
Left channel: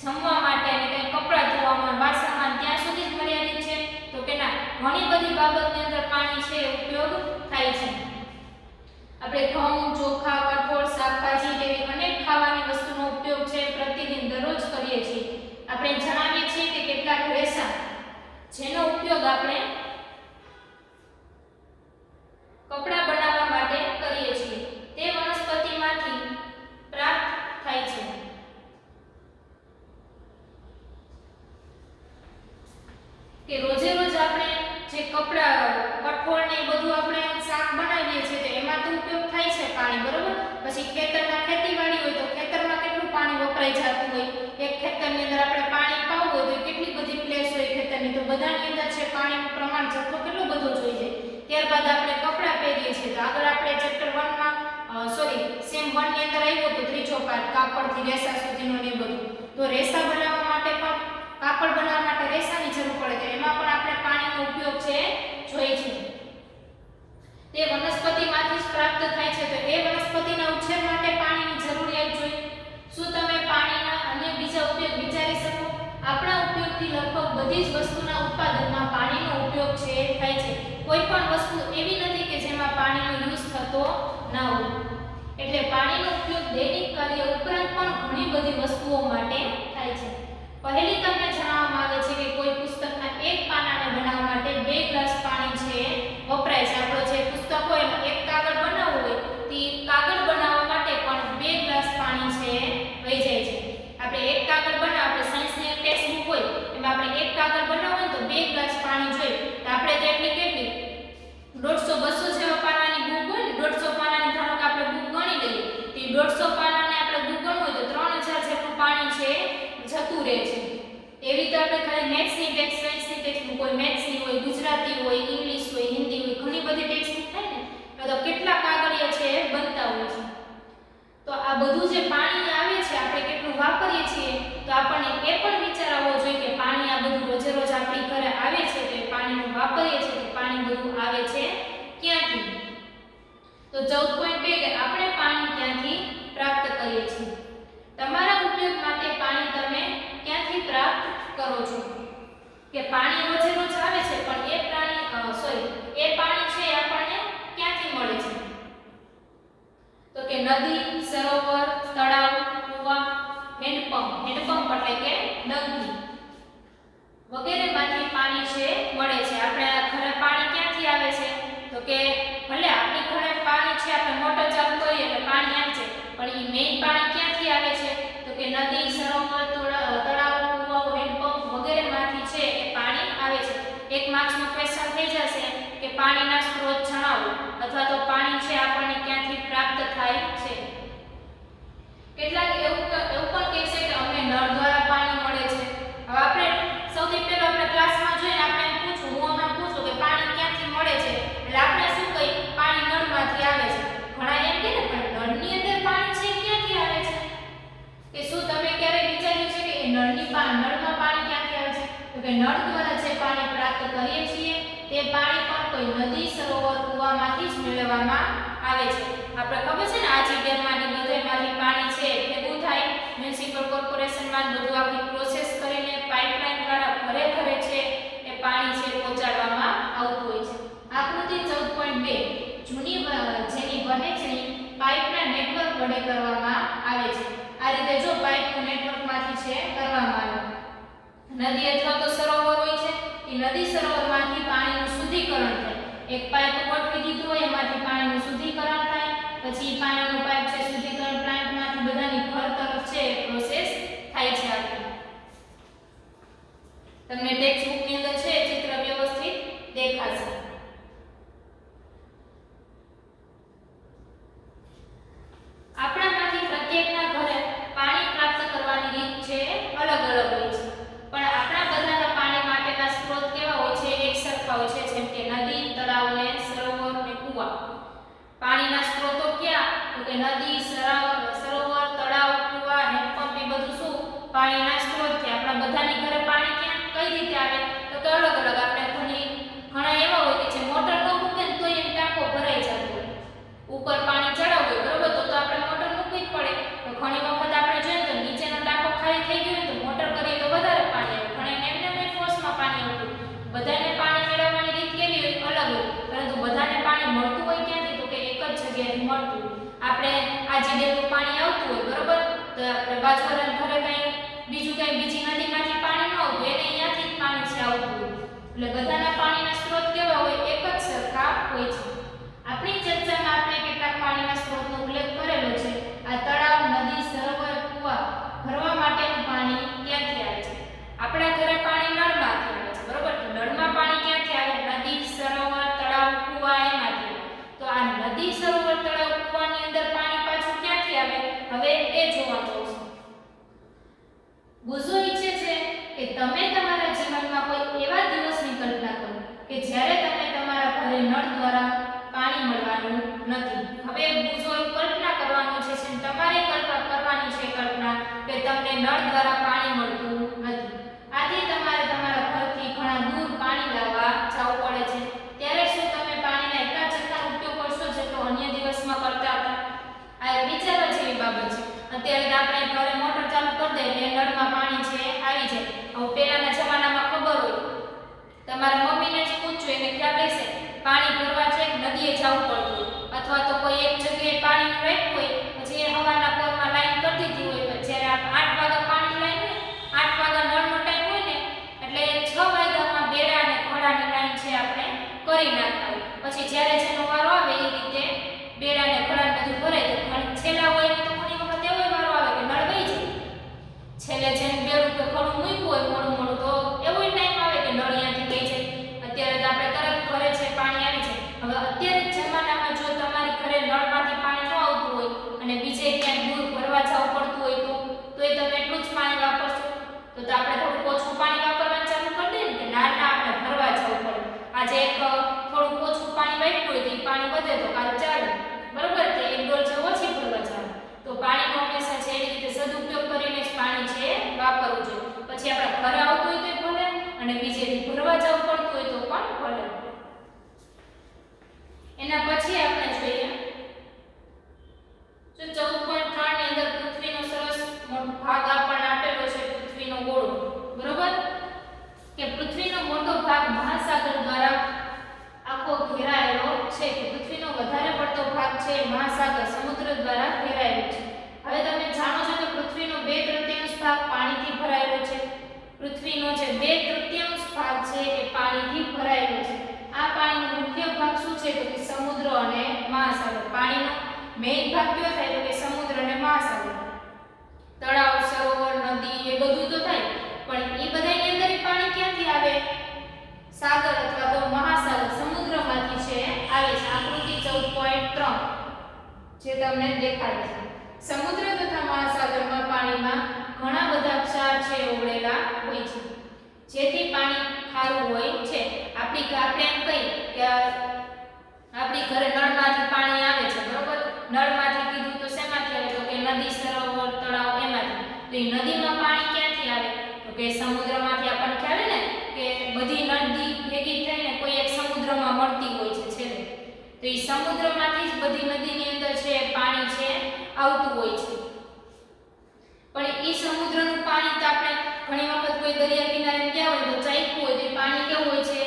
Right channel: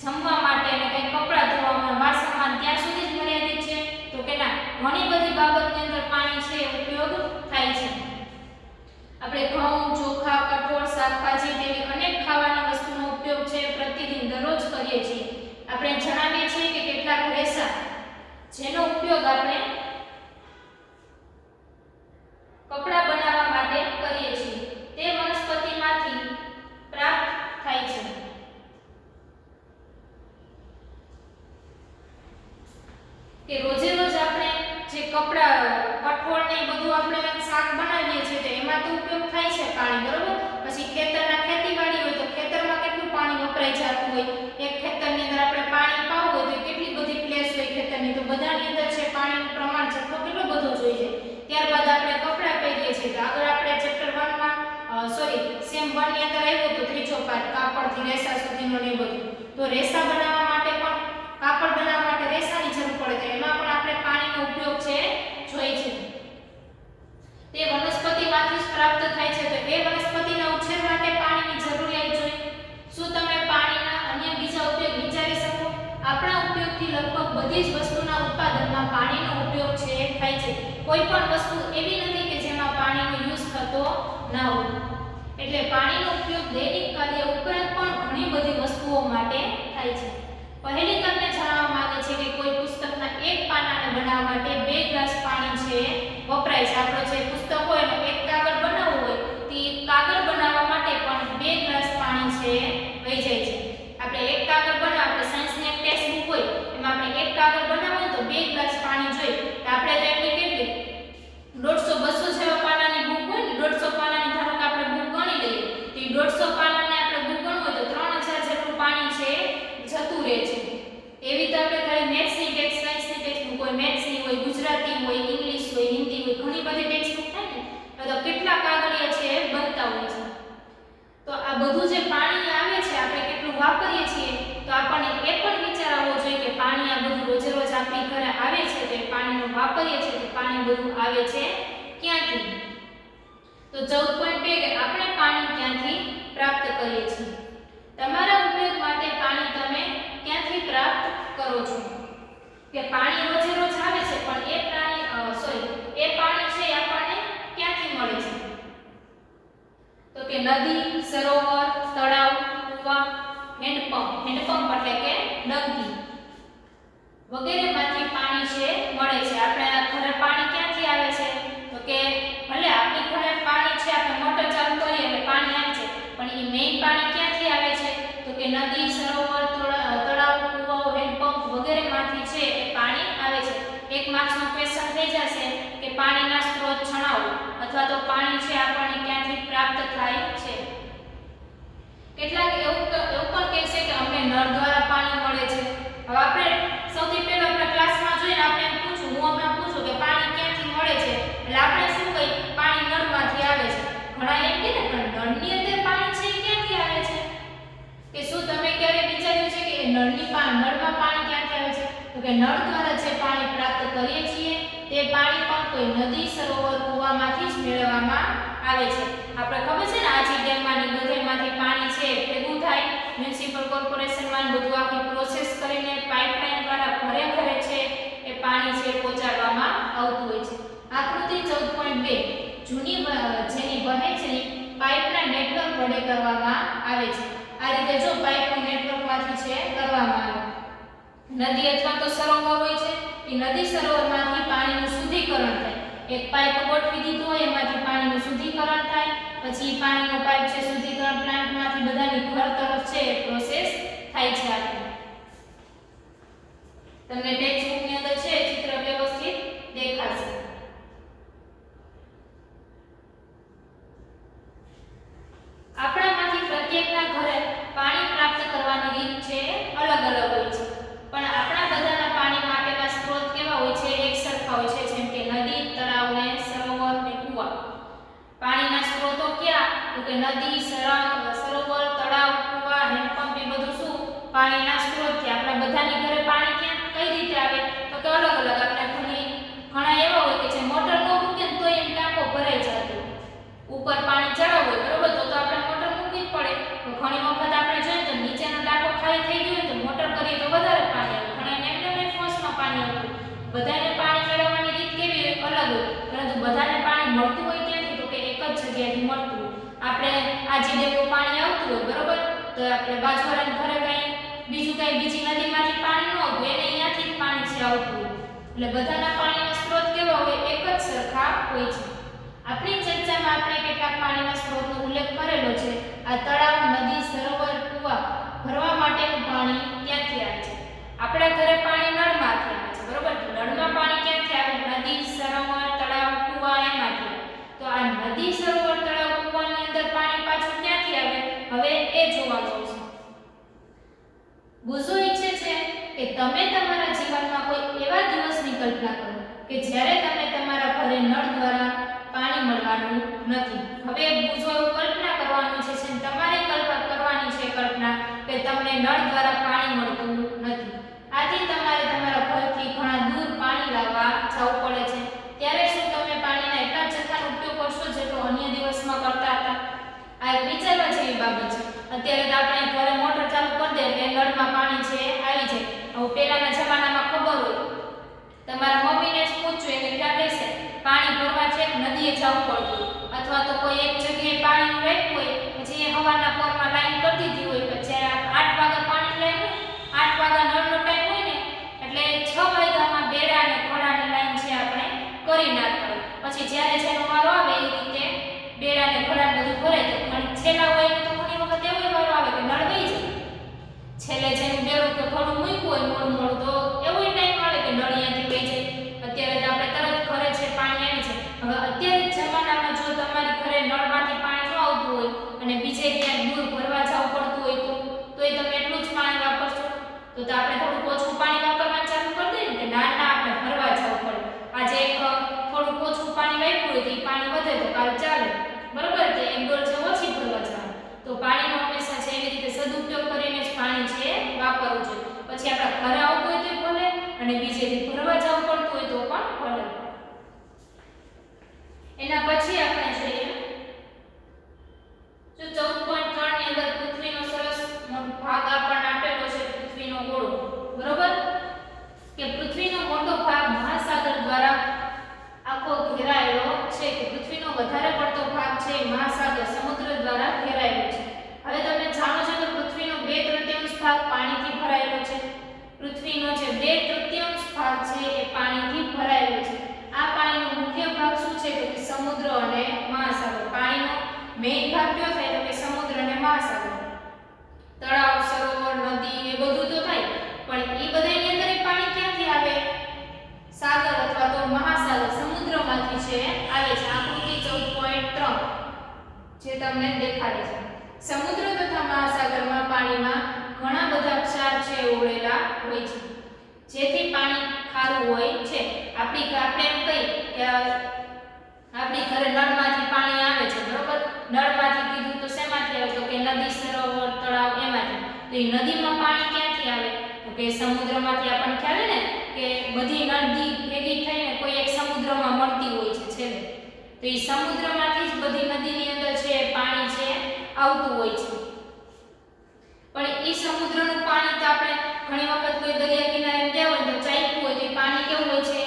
જમવા માટે ને કંઈ કપડાં ધોવામાં, વાસણમાં ત્યાં સુધી જ મર્યાદિત છે? તો કે ના, ઘણી બધી બાબતની અંદર પાણી છે ઉપયોગ થાય છે. આપણે ઘઉં, ચોખા, કઠોળ, શાકભાજી જેવી અનેક ખાવાની વસ્તુનો ઉપયોગ છે પ્રતિદિન દરરોજ કરીએ છીએ. આપણે જણાવીએ છીએ કે કેટલાક રેસા જેનો ઉપયોગ આપણે કપડાં બનાવવા માટે કરીએ છીએ તે વનસ્પતિમાંથી પ્રાપ્ત થાય છે. કે રોજે રોજ આપણે જે કપડાં, કઠોળ ને બધું આપણે શાક બનાવીએ છીએ તો એમાં તો ઉપયોગ થાય છે પાણી, બરોબર. પછી ખેતરના ખેતીવાડી હોય તો ખેતરમાં કેટલું પાણી વપરાઈ જતું હોય. એક ખેતરની અંદર આપણે પાણી પાવું હોય તો કેટલી બધી પ્લેસ હોય ખેતરની, તો બધાની અંદર છે પાણીનું પ્રમાણ જથ્થો કેટલો બધો જોઈએ. ત્યારબાદ આપણે કપડાં પહેરીએ છીએ તો આગળ આપણે ચેપ્ટર 1 માં સેમ 1 ની અંદર આવ્યો તો ત્રીજો પાઠ કાપડથી રેસા સુધીનો ને બધું. તો રેસા બનાવવા માટે પણ, કાપડ બનાવવા માટે રેસાની જરૂર પડે તો એમાં પણ આપણે પાણીનો ઉપયોગ છે જોઈએ છે. તે વનસ્પતિમાંથી જ પ્રાપ્ત થાય છે તો એ વનસ્પતિના ઉછેર માટે પાણીની જરૂરિયાત જોઈએ. શું તમે પાણીના અન્ય બીજા ઉપયોગ વિચારી શકો? આપણા ઉપયોગથી લગભગ બધી જ વસ્તુના ઉત્પાદનમાં પાણીનો ઉપયોગ છે થાય છે. કોઈ પણ વસ્તુ એવી નથી કે જેમાં પાણીનો યુઝ થતો ના હોય. એટલે પાણીનો ઉપયોગ દૈનિક કાર્ય ઉપરાંત પણ ઘણી બધી વસ્તુઓ માટે થાય છે. પહેલી તમને જણાવવામાં આવે છે કે કોઈ પુસ્તકના એક પાનાને બનાવવા માટે 2 ગ્લાસ પાણી છે વપરાય છે. આપણો જે પુસ્તક હોય એમાં એક કાગળ બનાવવું હોય તો કાગળ બનાવવા માટે પણ 2 ગ્લાસ પાણી છે વહી જાય છે. આપણે એક કાગળ બનાવ, આપણે સાયન્સની એક ટેક્સ્ટ બુક હોય એમાં આપણે એક કાગળ બનાવવું હોય તો 2 ગ્લાસ પાણી જોઈએ. તો આપણે તો એટલી કેટલી 150-200 જેવા પાનાની બુક હોય ને, 150 પાનાની ધારો કે આપણે બુક ગણી લઈએ તો 150 પાનાને આપણે બુક ગણવું હોય તો 3000 જેટલું પાણી છે જતું રહે છે. એવી તો આપણે ખાલી મેથ્સની ટેક્સ્ટ, સાયન્સની ટેક્સ્ટ બુક હોય, મેથ્સની હોય, ગુજરાતી હોય, ઇંગ્લિશ હોય, હિન્દી હોય, ઘણી બધી ટેક્સ્ટ બુક થાય ને તો કેટલા કાગળિયા છે બનતા હોય છે. તો આ બધું જે પાણી આવે છે આપણે કેટલું વાપરીએ છીએ તો આપણને એ પણ વિચાર આવવો જોઈએ કે પાણી આ બધું રોજે રોજ આપણી ઘરે આવે છે તો એ પાણીનું વાપરીએ છીએ તો પાણી બધું આવે છે ક્યાંથી? તો 14.2 કે આપણે પાણી ક્યાંથી પ્રાપ્ત કરીએ છીએ. તમારા ઉપયોગ માટે પાણી તમે ક્યાંથી પ્રાપ્ત કરો છો? કે પાણી રોજે રોજ આવે છે પણ એ પાણી છે આપણને ક્યાંથી મળે છે? તો કે નદી, સરોવર, તળાવ, કૂવા, હેન્ડપંપ એટલે કે ડંકી વગેરેમાંથી પાણી છે મળે છે. આપણે આ ઘરે પાણી ક્યાંથી આવે છે? તો કે ભલે આપણી ઘરે પાણી છે, આપણે મોટર ચાલુ કરીએ એટલે પાણી આવે છે પણ એ મેઇન પાણી ક્યાંથી આવે છે? તો કે નદી, સરોવર, તળાવ, કૂવાઓ, હેન્ડપંપ વગેરેમાંથી છે એ પાણી આવે છે. એક માર્ક્સનો ક્વેશ્ચન થઈ જશે કે પાણીના સ્ત્રોત જણાવો અથવા તો પાણી છે આપણને ક્યાંથી પ્રાપ્ત થાય છે. કેટલાક એવું પણ કહેશે કે અમને નળ દ્વારા પાણી મળે છે. હવે આપણે સૌથી પહેલા આપણે ક્લાસમાં જોઈને આપણે એમ પૂછું, હું હમણાં પૂછું કે પાણી ક્યાંથી મળે છે એટલે આપણે શું કહીએ? પાણી નળમાંથી આવે છે. ઘણા એમ કહે ને પણ નળની અંદર પાણી છે ક્યાંથી આવે છે? કે શું તમે ક્યારે વિચાર્યું છે કે નળમાં પાણી ક્યાંથી આવે છે? તો કે નળ દ્વારા જે પાણી પ્રાપ્ત કરીએ છીએ તે પાણી પણ કોઈ નદી સરોવર કૂવામાંથી જ મેળવવામાં આવે છે. આપણે ખબર છે ને આજી ડેમમાંની બધેમાંથી પાણી છે ભેગું થાય મ્યુનિસિપલ કોર્પોરેશનમાં બધું આખી પ્રોસેસ કરીને પાઇપલાઇન દ્વારા ઘરે ઘરે છે એ પાણી છે પહોંચાડવામાં આવતું હોય છે. આકૃતિ 14.2 જૂની જેની વહે છે પાઇપના નેટવર્ક વડે કરવામાં આવે છે. આ રીતે જો પાઇપનું નેટવર્કમાંથી છે કરવામાં આવે. નદી અથવા તો સરોવર હોય છે એ નદી સરોવરમાંથી પાણીનું શુદ્ધિકરણ થાય. એક પાઇપ ગોઠવી દીધું હોય એમાંથી પાણીનું શુદ્ધિકરણ થાય, પછી પાણીનો પાઇપ છે શુદ્ધિકરણ પ્લાન્ટમાંથી બધાની ઘર તરફ છે પ્રોસેસ થાય છે. આપણે તમને ટેક્સ્ટ બુકની અંદર છે ચિત્ર વ્યવસ્થિત દેખાશે. આપણામાંથી પ્રત્યેકના ઘરે પાણી પ્રાપ્ત કરવાની રીત છે અલગ અલગ હોય છે, પણ આપણા બધાના પાણી માટેના સ્ત્રોત કેવા હોય છે? એક સરખા હોય છે, જેમ કે નદી, તળાવ ને સરોવર ને કુવા. પાણીના સ્ત્રોતો ક્યાં? તો કે નદી, સરોવર, તળાવ, કુવા, હેન્ડપંપ એ બધું શું પાણીના સ્ત્રોત છે. આપણા બધાની ઘરે પાણી ક્યાં કઈ રીતે આવે? તો કે અલગ અલગ. આપણે ઘણા એવા હોય કે જે મોટર ન મૂકે ને તોય એમ ટાંકો ભરાઈ જતો, ઉપર પાણી ચડાવવું હોય બરોબર, તો આપણે મોટર મૂકવી જ પડે. તો ઘણી વખત આપણે જોઈએ તો નીચેનો ટાંકો ખાલી થઈ ગયો તો મોટર કરીએ તો વધારે પાણી આવે, ઘણા એમને ફોર્સમાં પાણી આવતું. બધાને પાણી મેળવવાની રીત કેવી હોય? અલગ હોય, પરંતુ બધાને પાણી મળતું હોય ક્યાંથી? તો કે એક જ જગ્યાએથી મળતું હોય. આપણે આ જે ડેમનું પાણી આવતું હોય બરોબર, તો આપણે બાજુવાળાના ઘરે બીજી નદીમાંથી પાણી ન આવતું, એને અહીંયાથી જ પાણી છે આવતું હોય. એટલે બધાના પાણીના સ્ત્રોત કેવા હોય? એક જ સરખા હોય છે. આપણી ચર્ચામાં આપણે કેટલાક પાણીના સ્ત્રોતનો ઉલ્લેખ કરેલો છે. આ તળાવ, નદી, સરોવર, કુવા ભરવા માટેનું પાણી ક્યાંથી આવે છે? આપણા ઘરે પાણી નળમાંથી આવે છે બરોબર. નળમાં પાણી ક્યાંથી આવે? નદી, સરોવર, તળાવ, કુવા એમાંથી આવે. તો આ નદી, સરોવર, તળાવ, કુવાની અંદર પાણી પાછું ક્યાંથી આવે? હવે એ જોવાનું છે. બુઝો ઈચ્છે છે કે તમે તમારા જીવનમાં કોઈ એવા દિવસની કલ્પના કરો કે જ્યારે તમે તમારા ઘરે નળ દ્વારા પાણી મળવાનું નથી. હવે બુઝો કલ્પના કરવાનું છે, તમારે કરવાની છે કલ્પના કે તમને નળ દ્વારા પાણી મળતું નથી. આથી તમારે તમારા ઘરથી ઘણા દૂર પાણી લાવવા જવું પડે છે. ત્યારે શું તમે પાણીના એટલા જથ્થાનો ઉપયોગ કરશો જેટલો અન્ય દિવસમાં કરતા હતા? આ એક વિચારવા જેવી બાબત છે. અત્યારે તો આપણે ઘરે મોટર ચાલુ કરી દે એટલે નળમાં પાણી છે આવી જાય. હવે પહેલાના જમાનામાં ખબર હોય, તમારા મમ્મીને જ પૂછજો એને ખ્યાલ રહેશે. પાણી ભરવા છે નદીએ જવું પડતું, અથવા તો કોઈ એક જગ્યાએ પાણી રાખ્યું હોય પછી એ હવારના પોરમાં લાઈન કરી દીધી હોય. જ્યારે 8 વાગ્યા પાણી લાઈન હોય, 8 વાગ્યા નળનો ટાઈમ હોય ને એટલે 6 વાગ્યામાં બેડા અને ઘોડાની લાઈન છે આપણે કરી નાખતા હોય. પછી જ્યારે જેનો વારો આવે એ રીતે બેડા અને ઘોડાને બધું ભરાય જાય. છેલ્લા હોય તો ઘણી વખત એવો વારો આવે કે નળ વહી જાય. છેલ્લે જેનું બેડું તો થોડું મૂક્યું હોય મોડું તો એવો ટાઈમ આવે કે નળ અહીંયાથી વહી જાય. અત્યારે તો આપણે તરત ઘરે છે પાણી આવી જાય. હવે અત્યારે જમાનામાં જો તમારી ઘરે નળમાંથી પાણી ન આવતું હોય અને બીજે ક્યાંક દૂર ભરવા જવું પડતું હોય તોય તમે એટલું જ પાણી વાપરશો. તો આપણે થોડું ઓછું પાણી વાપરવાનું ચાલુ કરી દઈએ ને કે ના આપણે ભરવા જવું પડે. આજે એક થોડું ઓછું પાણી વાપર્યું હોય તો એ પાણી વધે તો કાલે ચાલે બરોબર. તો એક ડોલ છે ઓછી ભરવા જાવ તો પાણીનો હંમેશા છે એવી રીતે સદુપયોગ કરીને જ પાણી છે વાપરવું જોઈએ. પછી આપણા ઘરે આવતું હોય તો ભલે અને બીજેથી ભરવા જવું પડતું હોય તો પણ ભલે. એના પછી આપણે જોઈએ જો 14.3 ની અંદર પૃથ્વીનો સરસ મોટો ભાગ આપણને આપેલો છે, પૃથ્વીનો ગોળો બરોબર, કે પૃથ્વીનો મોટો ભાગ મહાસાગર દ્વારા આખો ઘેરાયેલો છે. કે પૃથ્વીનો વધારે પડતો ભાગ છે મહાસાગર સમુદ્ર દ્વારા ઘેરાયેલો છે. હવે તમે જાણો છો કે પૃથ્વીનો 2/3 ભાગ પાણીથી ભરાયેલો છે. પૃથ્વીનો જે 2/3 ભાગ છે એ પાણીથી ભરાયેલો છે. આ પાણીનો મુખ્ય ભાગ શું છે? તો કે સમુદ્ર અને મહાસાગર. પાણીનો મેઇન ભાગ કયો થાય? તો કે સમુદ્ર અને મહાસાગર. તળાવ, સરોવર, નદી એ બધું તો થાય, પણ એ બધાની અંદર પાણી ક્યાંથી આવે? સાગર અથવા તો મહાસાગર સમુદ્રમાંથી છે આવે છે. આકૃતિ 14.3 જે તમને દેખાડે છે. સમુદ્ર તથા મહાસાગરમાં પાણીમાં ઘણા બધા ક્ષાર છે ઓગળેલા હોય છે, જેથી પાણી ખારું હોય છે. આપણે એમ કહી કે આપણી ઘરે નળમાંથી પાણી આવે છે બરોબર. નળમાંથી કીધું તો શેમાંથી આવે? તો કે નદી, સરોવર, તળાવ એમાંથી. તો એ નદીમાં પાણી ક્યાંથી આવે? તો કે સમુદ્રમાંથી આપણને ખ્યાલ ને કે બધી નદી ભેગી થઈને કોઈ એક સમુદ્રમાં મળતી હોય છે છેલ્લે, તો એ સમુદ્રમાંથી જ બધી નદીની અંદર છે પાણી છે આવતું હોય છે. પણ એ સમુદ્રનું પાણી તો આપણે ઘણી વખત કોઈ દરિયા કિનારે ગયા હોય તો ચાખ્યું હોય તો પાણી કેવું હોય છે?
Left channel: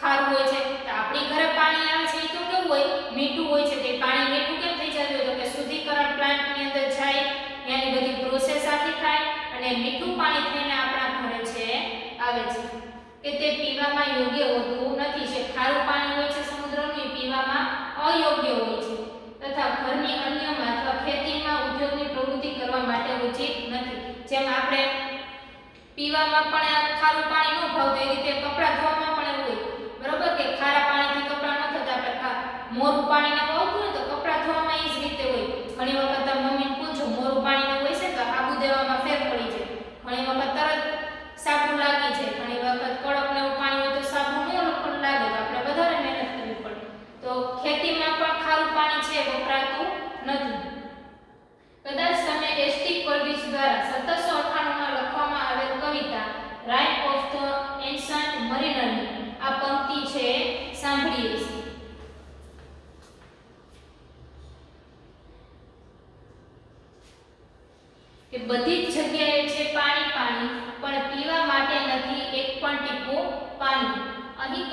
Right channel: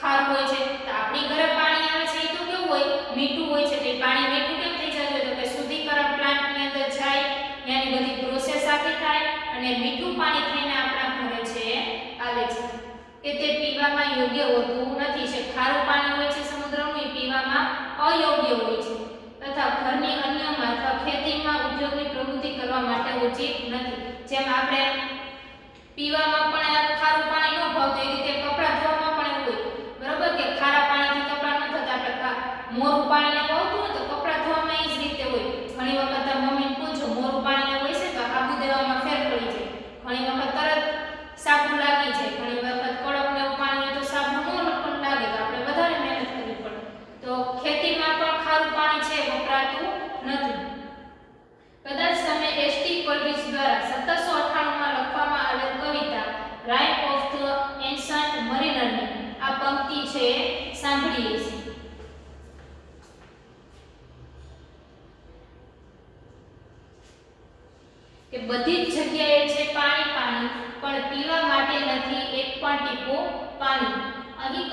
ખારું હોય છે. તો આપણી ઘરે પાણી આવે છે એ તો કેવું હોય? મીઠું હોય છે. તો એ પાણી મીઠું કેમ થઈ જતું હોય? તો કે શુદ્ધિકરણ પ્લાન્ટની અંદર જાય, ત્યાંની બધી પ્રોસેસ આખી થાય અને મીઠું પાણી થઈને આપણા ઘરે છે આવે છે. કે તે પીવામાં યોગ્ય હોતું નથી. છે ખારું પાણી હોય છે સમુદ્રનું, એ પીવામાં અયોગ્ય હોય છે તથા ઘરની અન્યમાં અથવા ખેતીમાં ઉદ્યોગની પ્રવૃત્તિ કરવા માટે ઉચિત નથી. જેમ આપણે પીવામાં પણ ખારું પાણી ન ભાવતું એ રીતે કપડાં ધોવામાં પણ એવું હોય, બરોબર? કે ખારા પાણીથી કપડાં ન થતા, આપણે મોરું પાણીને વાવતું હોય તો કપડાં ધોવામાં એ જ રીતે હોય. ઘણી વખત તમે મમ્મીને પૂછો મોરું પાણીને હોય છે તો આબુ દેવામાં ફેર પડી જાય, ઘણી વખત તરત સાબુ લાગી જાય, ઘણી વખત કડક ને એવું પાણી હોય તો સાબુ ન પણ લાગે, તો આપણે વધારે મહેનત કરવી પડે. તો ખેતીમાં પણ ખારું પાણી છે વપરાતું નથી. કદાચ તમે એસટી કોલ્બિજ દ્વારા 1798માં લખવામાં આવેલ કવિતા રાઇમ ઓફ ધ એન્શન્ટ મરીનરની આ પંક્તિ છે સાંભળીએ છીએ. કે બધી જ જગ્યાએ છે પાણી પાણી, પણ પીવા માટે નથી એક પણ ટીપું પાણી. અહીં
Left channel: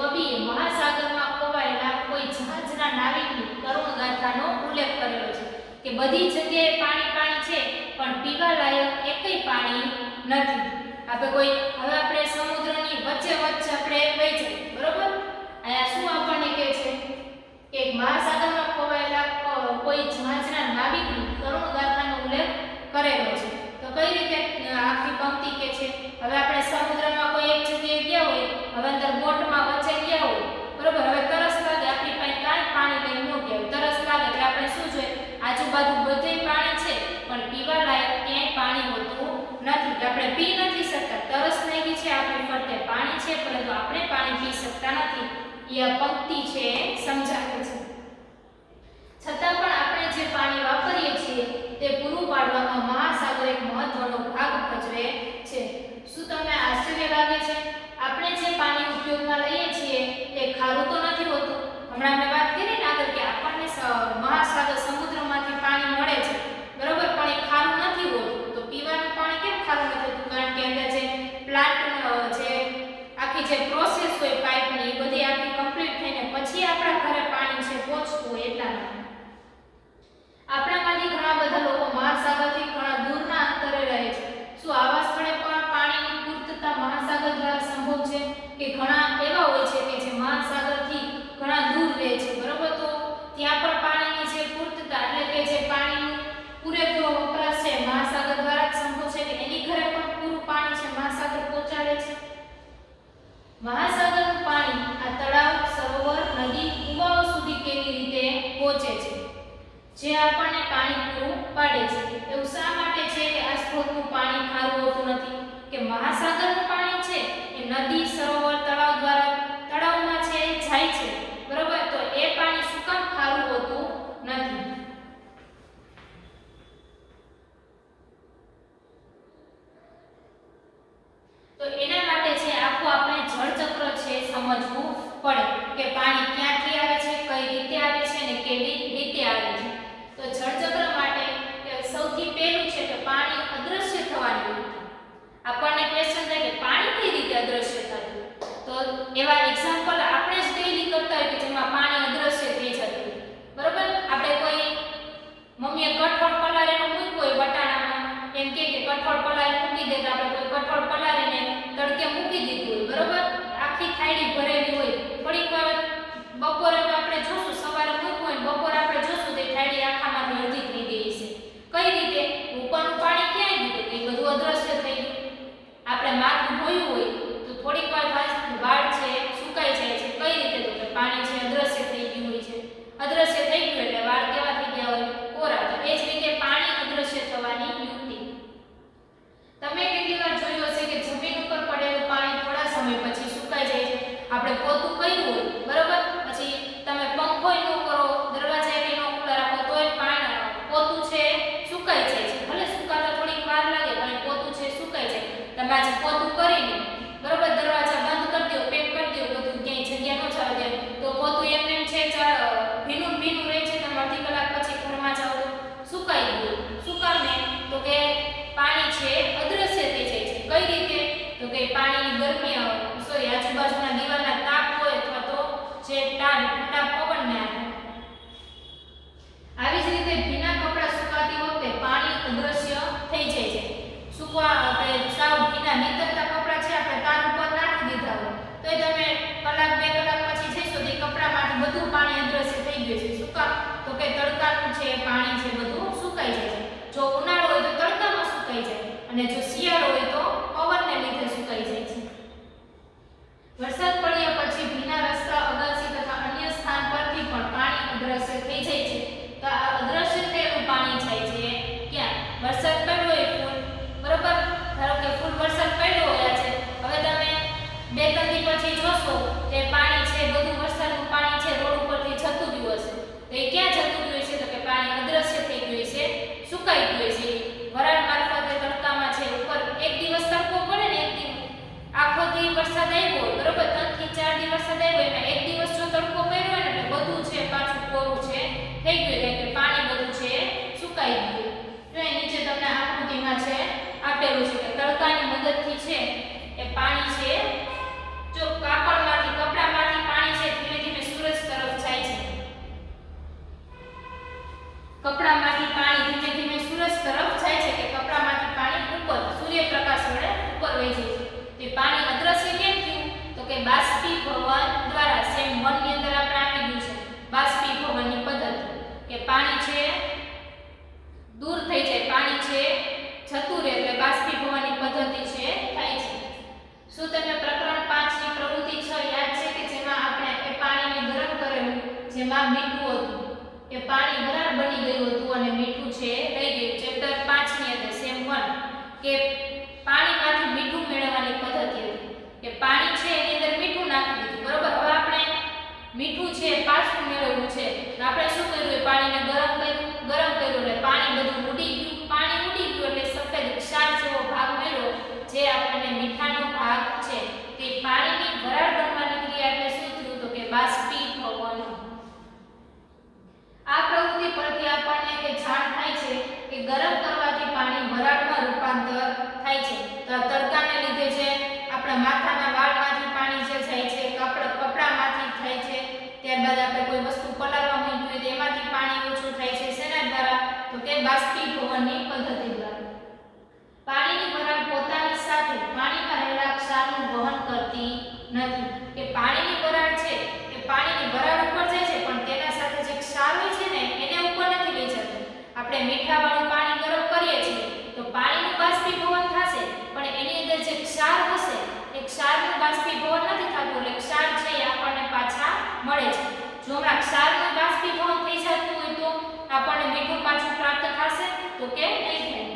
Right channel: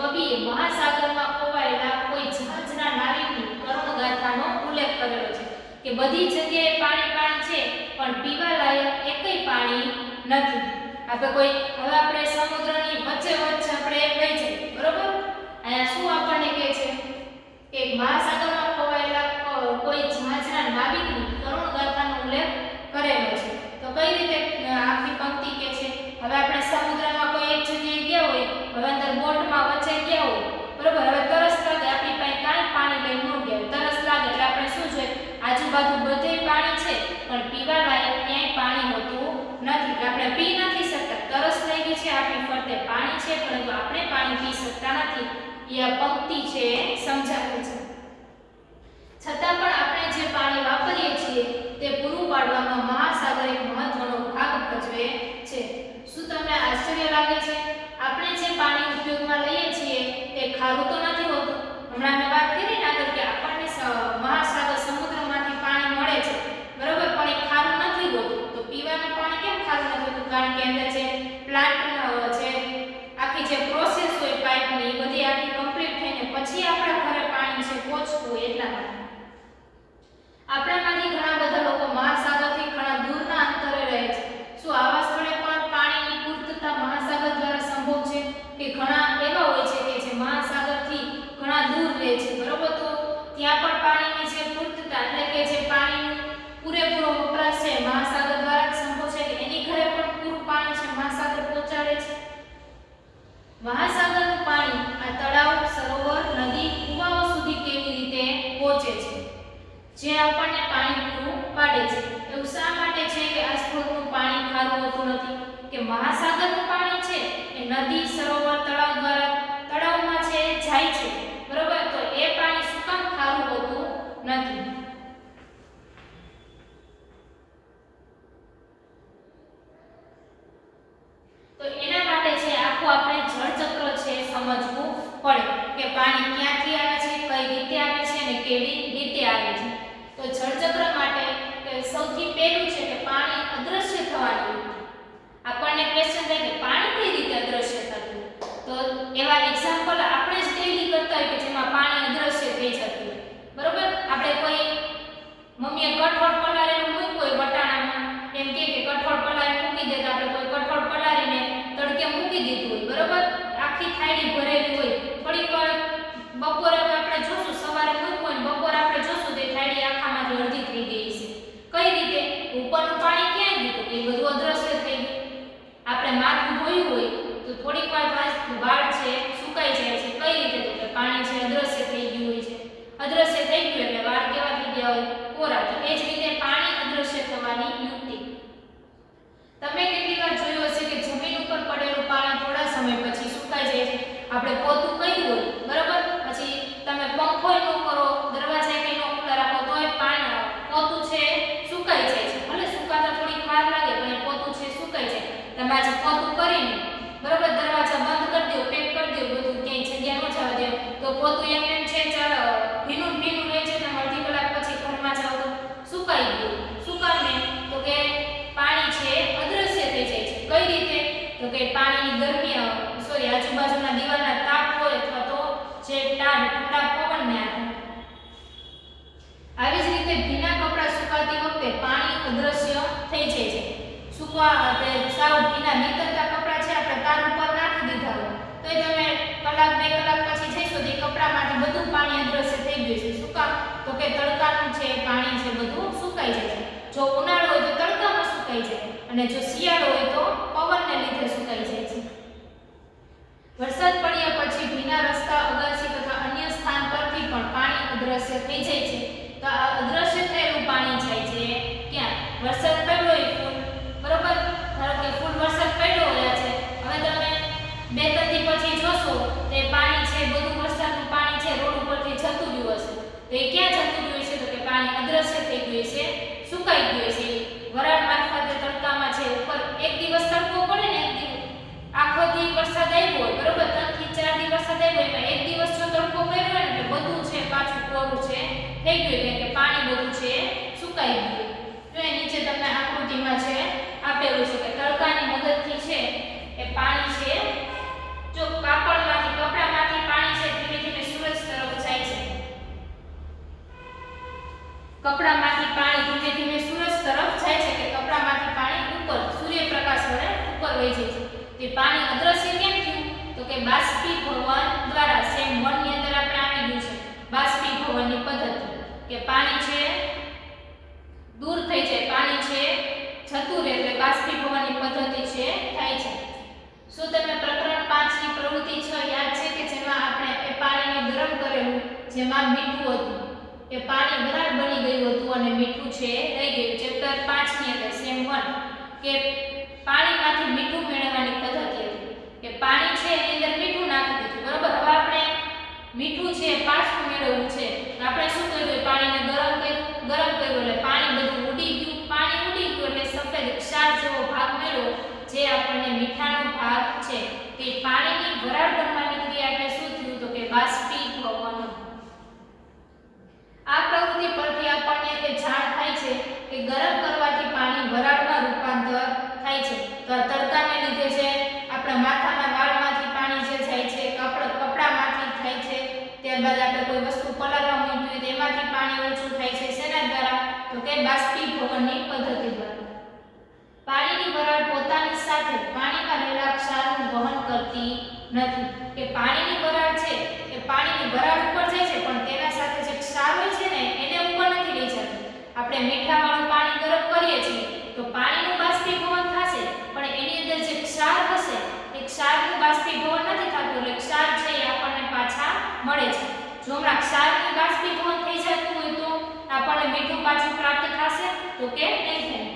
કવિએ મહાસાગરમાં ખોવાયેલા કોઈ જહાજના નાવિકની કરુણ ગાથાનો ઉલ્લેખ કરેલો છે. કે બધી જગ્યાએ પાણી પાણી છે પણ પીવા લાયક એકય પાણી નથી. હવે આપણે સમુદ્રની વચ્ચે આપણે વહી જઈએ, બરોબર? અહીંયા શું આપણને કહે છે કે મહાસાગરમાં ખોવાયેલા કોઈ જહાજના નાવિકની કરુણ ગાથાનો ઉલ્લેખ કરેલો છે. તો કઈ રીતે આખી પંક્તિ કે છે? હવે આપણે સમુદ્રમાં કોઈ એક જગ્યાએ ગયા હોય, હવે અંદર બોટમાં વચ્ચે ગયા હોય, બરોબર? હવે તરસ લાગે, આપણી પાસે કાંઈ પાણી લઈને ન ગયા હોય, તરસ લાગે એટલે આપણે શું જોઈએ? આજુબાજુ બધે પાણી છે પણ પીવા લાયક ક્યાંય પાણી હોતું નથી, એટલે આપણે પી નથી શકતા. તરસ લાગી છે, આપણી ફરતે પાણી છે પરંતુ આપણે પાણી પી શકતા નથી. એ પંક્તિ છે સમજાવે છે. છતાં પણ આપણે જે પાણી વાપરીએ છીએ તે પૂરું પાડવામાં મહાસાગર એક મહત્વનો ભાગ ભજવે છે. શું તમને આશ્ચર્ય લાગે છે? આપણે જે પાણી ઉપયોગમાં લઈએ છીએ તે ખારું તો નથી હોતું. હમણાં મેં વાત કરી ને આગળ કે આપણને મહાસાગર સમુદ્રમાંથી પાણી મળે છે, બરોબર? પણ એ ખારું નથી હોતું. તો પીવાનું પાણી કેમ ખારું નથી હોતું? કારણ કે અંદર જે પ્લાન્ટ જે આખી જે પ્રોસેસ હોય પાઇપની, એ બધી આખી કમ્પ્લીટ થઈને પછી આપણા ઘરે પાણી છે પહોંચતું હોય એટલા માટે. આપણામાંથી ઘણા બધા લોકો મહાસાગરથી ઘણા દૂરના અંતરે રહે છે. શું આવા સ્થળે પણ પાણીની પૂર્તતા મહાસાગર દ્વારા સંભવ છે? કે ઘણા એવા હોય છે કે જે મહાસાગરથી ઘણા દૂર રહે છે, બરોબર? તો ત્યાં પણ પાણીની જે પૂર્તતા એટલે કે જે પાણી પૂરેપૂરો વપરાશ છે મહાસાગર દ્વારા જ સંભવ છે કે એની ઘરે પણ પૂરું પાણી છે મહાસાગર પહોંચાડે છે. મહાસાગરનું પાણી આ તળાવ, સરોવર, નદી, કુવાઓ સુધી કેવી રીતે પહોંચે છે જે આપણને પાણી પૂરું પાડે છે? એવું શા માટે છે કે આ સ્ત્રોતનું પાણી ખારું હોતું નથી? કે મહાસાગરનું પાણી છે એ નદી, સરોવર, તળાવ દ્વારા તળાવમાં છે જાય છે, બરોબર? તો એ પાણી શું કામ ખારું હોતું નથી? તો એના માટે છે આખું આપણે જળચક્ર છે સમજવું પડે કે પાણી ક્યાંથી આવે છે, કઈ રીતે આવે છે અને કેવી રીતે આવે છે. તો જળચક્ર માટે સૌથી પહેલું છે કે પાણી અદ્રશ્ય થવાનું. આપણને ક્વેશ્ચન થાય કે પાણી કઈ રીતે અદ્રશ્ય થતું? તો એવા એક્ઝામ્પલ આપણે જ ડેઈલી કરતા હોય કે જેમાં પાણી અદ્રશ્ય થઈ જતું હોય, બરોબર? આપણે કોઈ મમ્મીએ કઠોળ પલાળેલું મૂક્યું હોય વટાણામાં, એમ કે કઠોળ પલાળી મૂકી દે, તો આપણે કોઈ કઠોળ પલાળીને તડકે મૂકી દીધું હોય, બરોબર? આખી થાળી ભરેલી હોય, થોડીક વાર બપોરે આપણે જોશું, સવારે મૂક્યું હોય ને બપોરે આપણે જોશું તો થાળી આખામાંથી અડધી થઈ ગઈ છે. કઈ રીતે? ઉપરનું પાણી ક્યાં ગયું? એ બધું અદ્રશ્ય થઈ ગયું. આપણે માથું ધોયું હોય તો થોડીક વાર વાળ છે સુકાઈ જાય છે. કઈ રીતે? તો કે પાણી છે અદ્રશ્ય થઈ ગયું હોય છે. અદ્રશ્ય થઈ ગયું એટલે વાળ કેવા થઈ ગયા હોય? કોરા. તો એ જ રીતે પાણી અદ્રશ્ય થવાની યુક્તિ. તમે કેટલી વાર જોયું હશે કે જમીન ઉપર પડેલું પાણી થોડા સમય પછી સુકાઈ જાય છે. આપણે પોતું કર્યું હોય, બરોબર? પછી તમે પંખોય ન કરો, દરવાજા કઈ ન ખુલ્લા રાખો તોય પોતું છે સુકાઈ જાય છે. ભલે સુકાતા થોડીક વાર લાગે પણ પોતું છે સુકાઈ દરવાજા પોતું કરીને બરોબર દરવાજા બંધ કરી દો, પેક કરી દો, બધું ક્યાંય જગ્યા ન જવા દે તો પોતું એમને એમ છે ભીનું ભીનું રહે છે. તમે અડધી કલાક પછી ઘરમાં જાઓ તો સુકાઈ ગયું. શું કારણે? તો કે પાણી છે અદ્રશ્ય થઈ જાય છે. કઈ રીતે? તો કે પાણીની ગરમી આજુબાજુના દિવાલના તાપ હોય અથવા તો જે ઠંડા પવનને આવી જ રીતે ભીના કપડાં સુકાતી વખતે પાણી અદ્રશ્ય થઈ જાય છે. આપણે સાવ ભીના નીતરતા કપડાં છે આપણે તાર ઉપર નાખી દીધા હોય તો તમે કલાક 2 કલાક પછી જઈશો તો કપડામાંથી બધું પાણી અદ્રશ્ય થઈ ગયું છે. શું કામ? તો કે તડકાનું છે પાણી છે બધું સુકાઈ જાય છે. જો ઉનાળો હોય તો તડકામાં સુકાઈ જાય અને જો શિયાળો હોય તો પવનને લીધે સુકાઈ જાય છે. વરસાદ પડ્યા પછી ભીના રસ્તા, અગાસી તથા અન્ય સ્થાન પરથી પણ પાણી અદ્રશ્ય થઈ જાય છે. તો આ અદ્રશ્ય થયેલું પાણી જાય છે ક્યાં? વરસાદ પડ્યો હોય ફૂલ બરોબર, ધારો કે ફૂલ વરસાદ પડ્યો હોય છે, હવે તમે 2-3 દી પછી જોશો તે પાણી છે બધું વરસાદનું પાણી છે રોડ ઉપરથી જતું રહ્યું હશે. તો એ ક્યાં જતું રહ્યું છે? તો કે પાણી અદ્રશ્ય થઈ ગયું છે, સુકાઈ ગયું છે. વરાળ મારફતે તડકામાં છે ઉપર એક દિવસ તડકો પડે ને, એક દિવસ આખો દી વરસાદ આવ્યો હોય બરોબર, 3 થી 4 દી વરસાદ આવ્યો એમાં એક દિવસ જો તડકો પડ્યો હોય ને એટલે બધું છે પાછું કોરું છે થઈ ગયું કે પાણી બધું છે સુકાઈ ગયું. જો એ નીચે તમને આકૃતિમાં છે આપેલું છે કે તડકાની મદદથી છે એ પાણી છે જો કાપડમાંથી કપડામાંથી પાણી છે ધીમે ધીમે સૂરજ તરફ જાય છે. કપડામાંથી પાણી ધીમે ધીમે સૂરજ તરફ જાય છે કે કપડામાંથી પાણી ઉપર સૂર્યપ્રકાશ વડે ઉપર વહી જાય છે. તે પાણી અદ્રશ્ય કેમ થયું? તો કે બાષ્પીભવન દ્વારા. સેમ 1 ની અંદર આપણે આવી ગયું છે બાષ્પીભવનની પદ્ધતિ કે પાણી છે દૂર થઈ જાય, પાણી છે જતું રહે એટલે બાષ્પીભવનની પદ્ધતિ છે થાય છે. શું તમે પ્રકરણ 5 ની પ્રવૃત્તિ 6 યાદ છે કે જેમાં આપણે એ પાણીને ગરમ કરેલું જેમાં મીઠું હતું એ પાણી વરાળ બની ગયું હતું અને મીઠું છે રહી ગયું. ચેપ્ટર 5 ની અંદર સેમ 1 કે પાણીમાંથી મીઠું મેળવવાની પદ્ધતિ હતી કે પાણી છે એની અંદર મીઠું નાખી દીધું બરોબર. હવે આપણે મીઠું છે પાછું મેળવવું છે તો આપણે શું કર્યું? પાણીને ગરમ કર્યું એટલે પાણી બધું ઉડી ગયું. પાણી ઉડી ગયું એટલે સફેદ ક્ષાર જેવો ભાગ મળ્યો જે આપણને મીઠાનો ભાગ છે. તે પાણીની વરાળ બનવાની ક્રિયા એટલે શું થયું? તો કે બાષ્પીભવન. આ પ્રવૃત્તિ પરથી આપણને એ જાણ થાય છે કે ગરમ કરવાથી પાણી વરાળમાં રૂપાંતર થાય છે. તો આ તડકાને લીધે છે આપણા માથાના વાળમાંથી પાણી જે જાય છે, કપડામાંથી થાય છે, ત્યારબાદ આપણે કોઈ વસ્તુ પલાળવા મૂકી હોય તો એમાંથી પાણી ઓછું થાય છે. શેના દ્વારા? તો કે બાષ્પીભવનની પદ્ધતિ દ્વારા. પાણીની વરાળ પોતાની સાથે પાણીમાં રહેલા ક્ષારનું વહન કરતી નથી કે પાણીની વરાળ છે એ પાણીની વરાળ ઉપર જાય છે પણ તેના સાથે જે ક્ષાર હોય છે ને એને ઉપર નથી લઈ જતું. આપણે મીઠાવાળું પાણી ગરમ કરીએ છીએ તો પાણીનું બાષ્પીભવન થશે પણ એની અંદર જે ક્ષાર હશે એ ક્ષારનું બાષ્પીભવન નથી થતું એટલે ક્ષાર છે એ આપણને પાછા મળે છે. જો હમણાં ક્ષારનું બાષ્પીભવન થઈ જતું હોય તો આપણને મીઠું પાછું પ્રાપ્ત થશે તો કે નહીં થાય.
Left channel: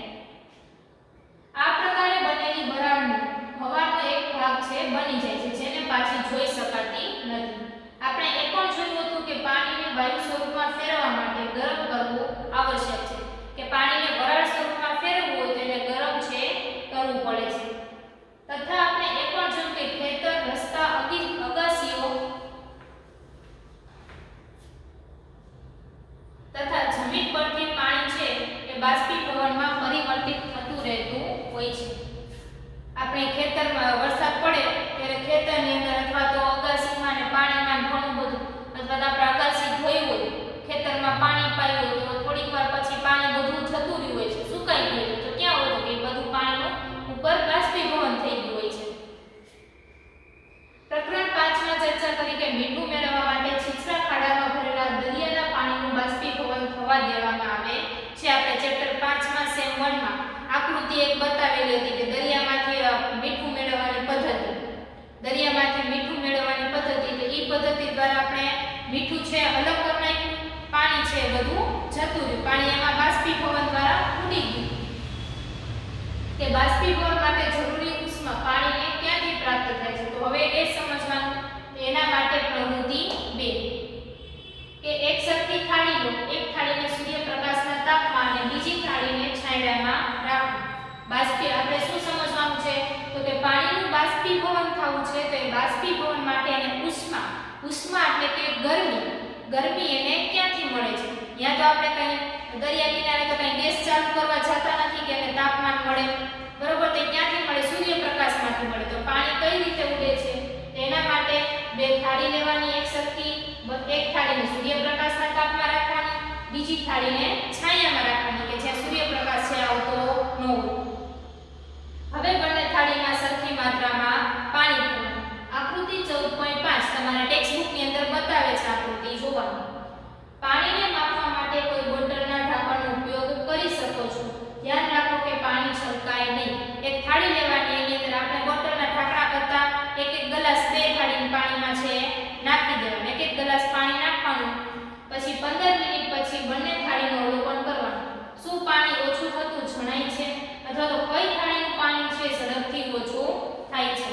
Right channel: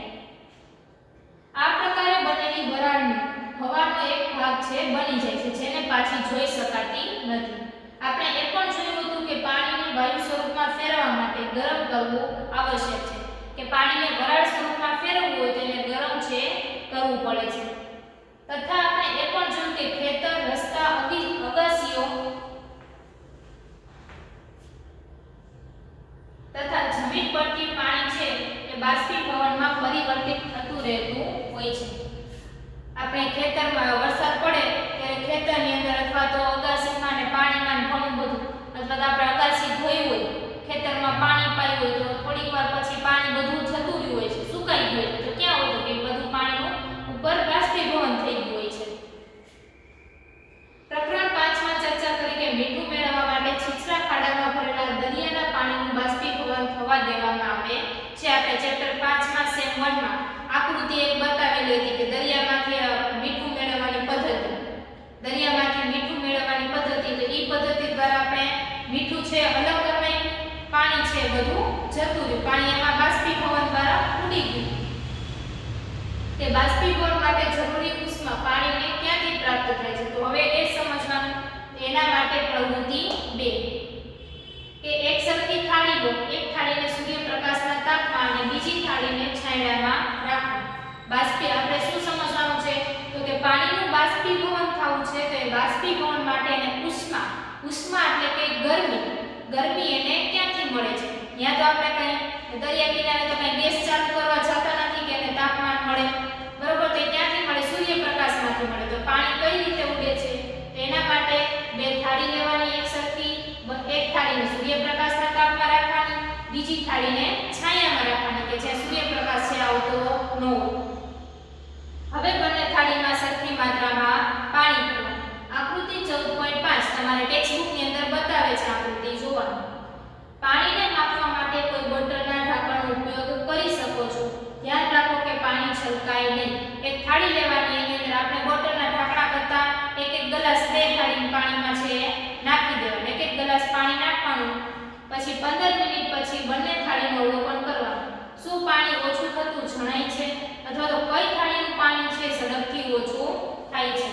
આ પ્રકારે બનેલી વરાળની હવાનો એક ભાગ છે બની જાય છે જેને પાછી જોઈ શકાતી નથી. આપણે એ પણ જોયું હતું કે પાણીને વાયુ સ્વરૂપમાં ફેરવવા માટે ગરમ કરવું આવશ્યક છે કે પાણીને વરાળ સ્વરૂપમાં ફેરવવું હોય તો એને ગરમ છે કરવું પડે છે. તથા આપણે એ પણ જોયું કે ખેતર, રસ્તા, અગાસીઓ તથા જમીન પરથી પાણી છે એ બાષ્પીભવનમાં પરિવર્તિત થતું રહેતું હોય છે. આપણે ખેતરમાં વરસાદ પડે ત્યારે ખેતરની અંદર અથવા તો અગાસીમાં ને પાણીમાં ઘણું બધું અથવા તો આપણે અગાસી ધોઈ હોય ખેતરમાં પાણી પાયું હોય તો થોડીક વાર પછી પાણી બધું જતું રહ્યું હોય છે, સુકાઈ ગયું હોય તો ક્યાં હોય તો કે બધું પાણીનું ઉપર બાષ્પીભવન થઈ ગયું હોય છે. પ્રકરણ 5 માં ચર્ચા કરી કે મીઠું મેળવવા માટે છીછરા ખાડામાં ભરેલા દરિયાના પાણીનું બાષ્પીભવન થવા દેવામાં આવે છે. આપણે ચેપ્ટર 5 માં સેમ 1 માં આકૃતિ એક બતાવેલી હતી કે દરિયામાંથી મીઠું મેળવવાની પદ્ધતિ. દરિયામાંથી મીઠું મેળવવાની પદ્ધતિ તો એ પદ્ધતિ દ્વારા આપણે મીઠું છે અલગ કરી નાખ્યું, પાણી છે બધું જતું રહ્યું, પાણી એમાં બાષ્પીભવન દ્વારા ઉડી ગયું. કે બાષ્પીભવન માટે જરૂરી ઉષ્મા પાણીને ક્યાંથી પ્રાપ્ત થાય છે? તો હવે એ સમજવાનું. એના માટે પ્રવૃત્તિ 2 કે એક સરખી થાળી લો, એક થાળીને સૂર્યપ્રકાશના તાપમાં અને બીજી થાળીને છાંયડામાં રાખો. આપણે શું સમજવાનું છે છે તો એ બાષ્પીભવન માટે એને ઉષ્મા, ઉષ્મા એટલે કે ગરમી, ગરમી એને ક્યાંથી મળે છે? ત્યાં તો આપણે કઈ દરિયા કિનારે તો કઈ ગેસ ચાલુ કરવા જતા નથી કે એને તાપમાન મળે, બરોબર? તો ક્યાંથી મળે? સૂર્યપ્રકાશમાંથી મળે. તો પાણી કઈ રીતે ઉડે છે? તો એના માટે બે થાળી લેવાની એક સરખી, એક થાળીને સૂર્યપ્રકાશના તાપમાં રાખવાની, બીજી થાળીને છાયામાં રાખવાની કે જ્યાં સૂર્યપ્રકાશ છે આવતો ન હોય. હવે બંને થાળીમાં સરખી માત્રામાં પાણી ભરવાનું. આકૃતિ 14.5 તમારે ટેક્સ્ટ બુકની અંદર બતાવે છે આકૃતિ જોવાનું. પાણીને માપવા માટે કોઈ બોટલના ઢાંકણનો ઉપયોગ કરી શકો છો. ધ્યાન રાખો કે પાણી છલકાય નહીં. એક થાળી લેવાની, એની અંદર આપણે બોટલના ઢાંકણા કરતા એક એક ગ્લાસ બે થાળીની પાણીમાં છે નાખી દેવાનું. એક એક ગ્લાસ પાણી નાખવાનું. પછી 15 મિનિટ પછી બંને થાળીનું અવલોકન કરવાનું. શું પાણી ઓછું થતું જણાય છે અથવા તો કઈ થાળીનું પાણી છે ઝડપથી ઓછું થાય છે?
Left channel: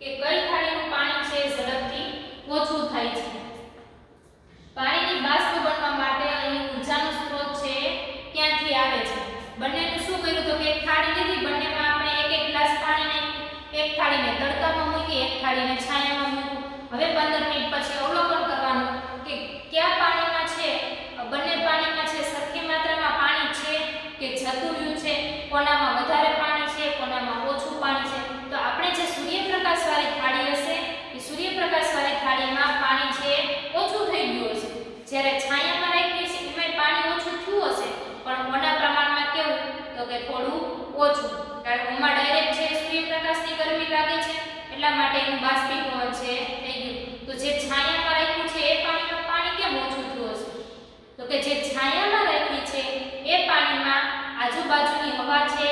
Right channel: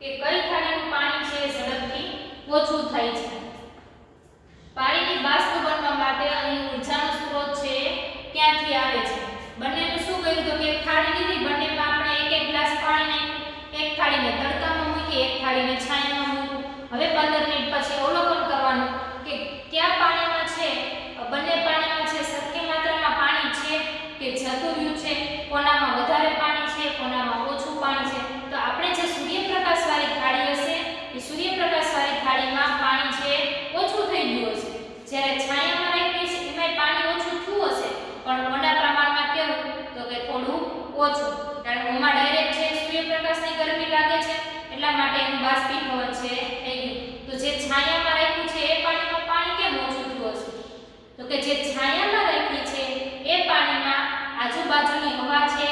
કે કઈ થાળીનું પાણી છે ઝડપથી ઓછું થાય છે? પાણીની બાષ્પ બનવા માટે અહીં ઊર્જાનો સ્ત્રોત છે ક્યાંથી આવે છે? બંનેનું શું કર્યું તો કે એક થાળી લીધી, બંનેમાં આપણે એક એક ગ્લાસ પાણી નાખ્યું. એક થાળીને તડકામાં મૂકી, એક થાળીને છાયામાં મૂક્યું. હવે 15 મિનિટ પછી અવલોકન કરવાનું કે કયા પાણીમાં છે, બંને પાણીમાં છે સરખી માત્રામાં પાણી છે કે જતું રહ્યું છે, કોનામાં વધારે પાણી છે, કોનામાં ઓછું પાણી છે. તો આપણે જે સૂર્યપ્રકાશવાળી થાળી હશે એ સૂર્યપ્રકાશવાળી થાળીમાં પાણી છે ઓછું થઈ ગયું હશે. જ્યારે છાયામાં રાખી છે એમાં પાણી ઓછું થયું હશે, પણ ઓના પ્રમાણમાં કેવું તો કે થોડું ઓછું, કારણ કે ઓમાં ડાયરેક્ટ છે સૂર્યપ્રકાશની ગરમી લાગે છે એટલા માટે એનું બાષ્પીભવન છે થઈ ગયું. તો જે છાયામાં રાખ્યું છે એ પાણીમાં પાણી કેમ ઓછું થયું હશે? તો કે જે છાયામાં રાખી છે એ પાણીમાં આજુબાજુની હવા છે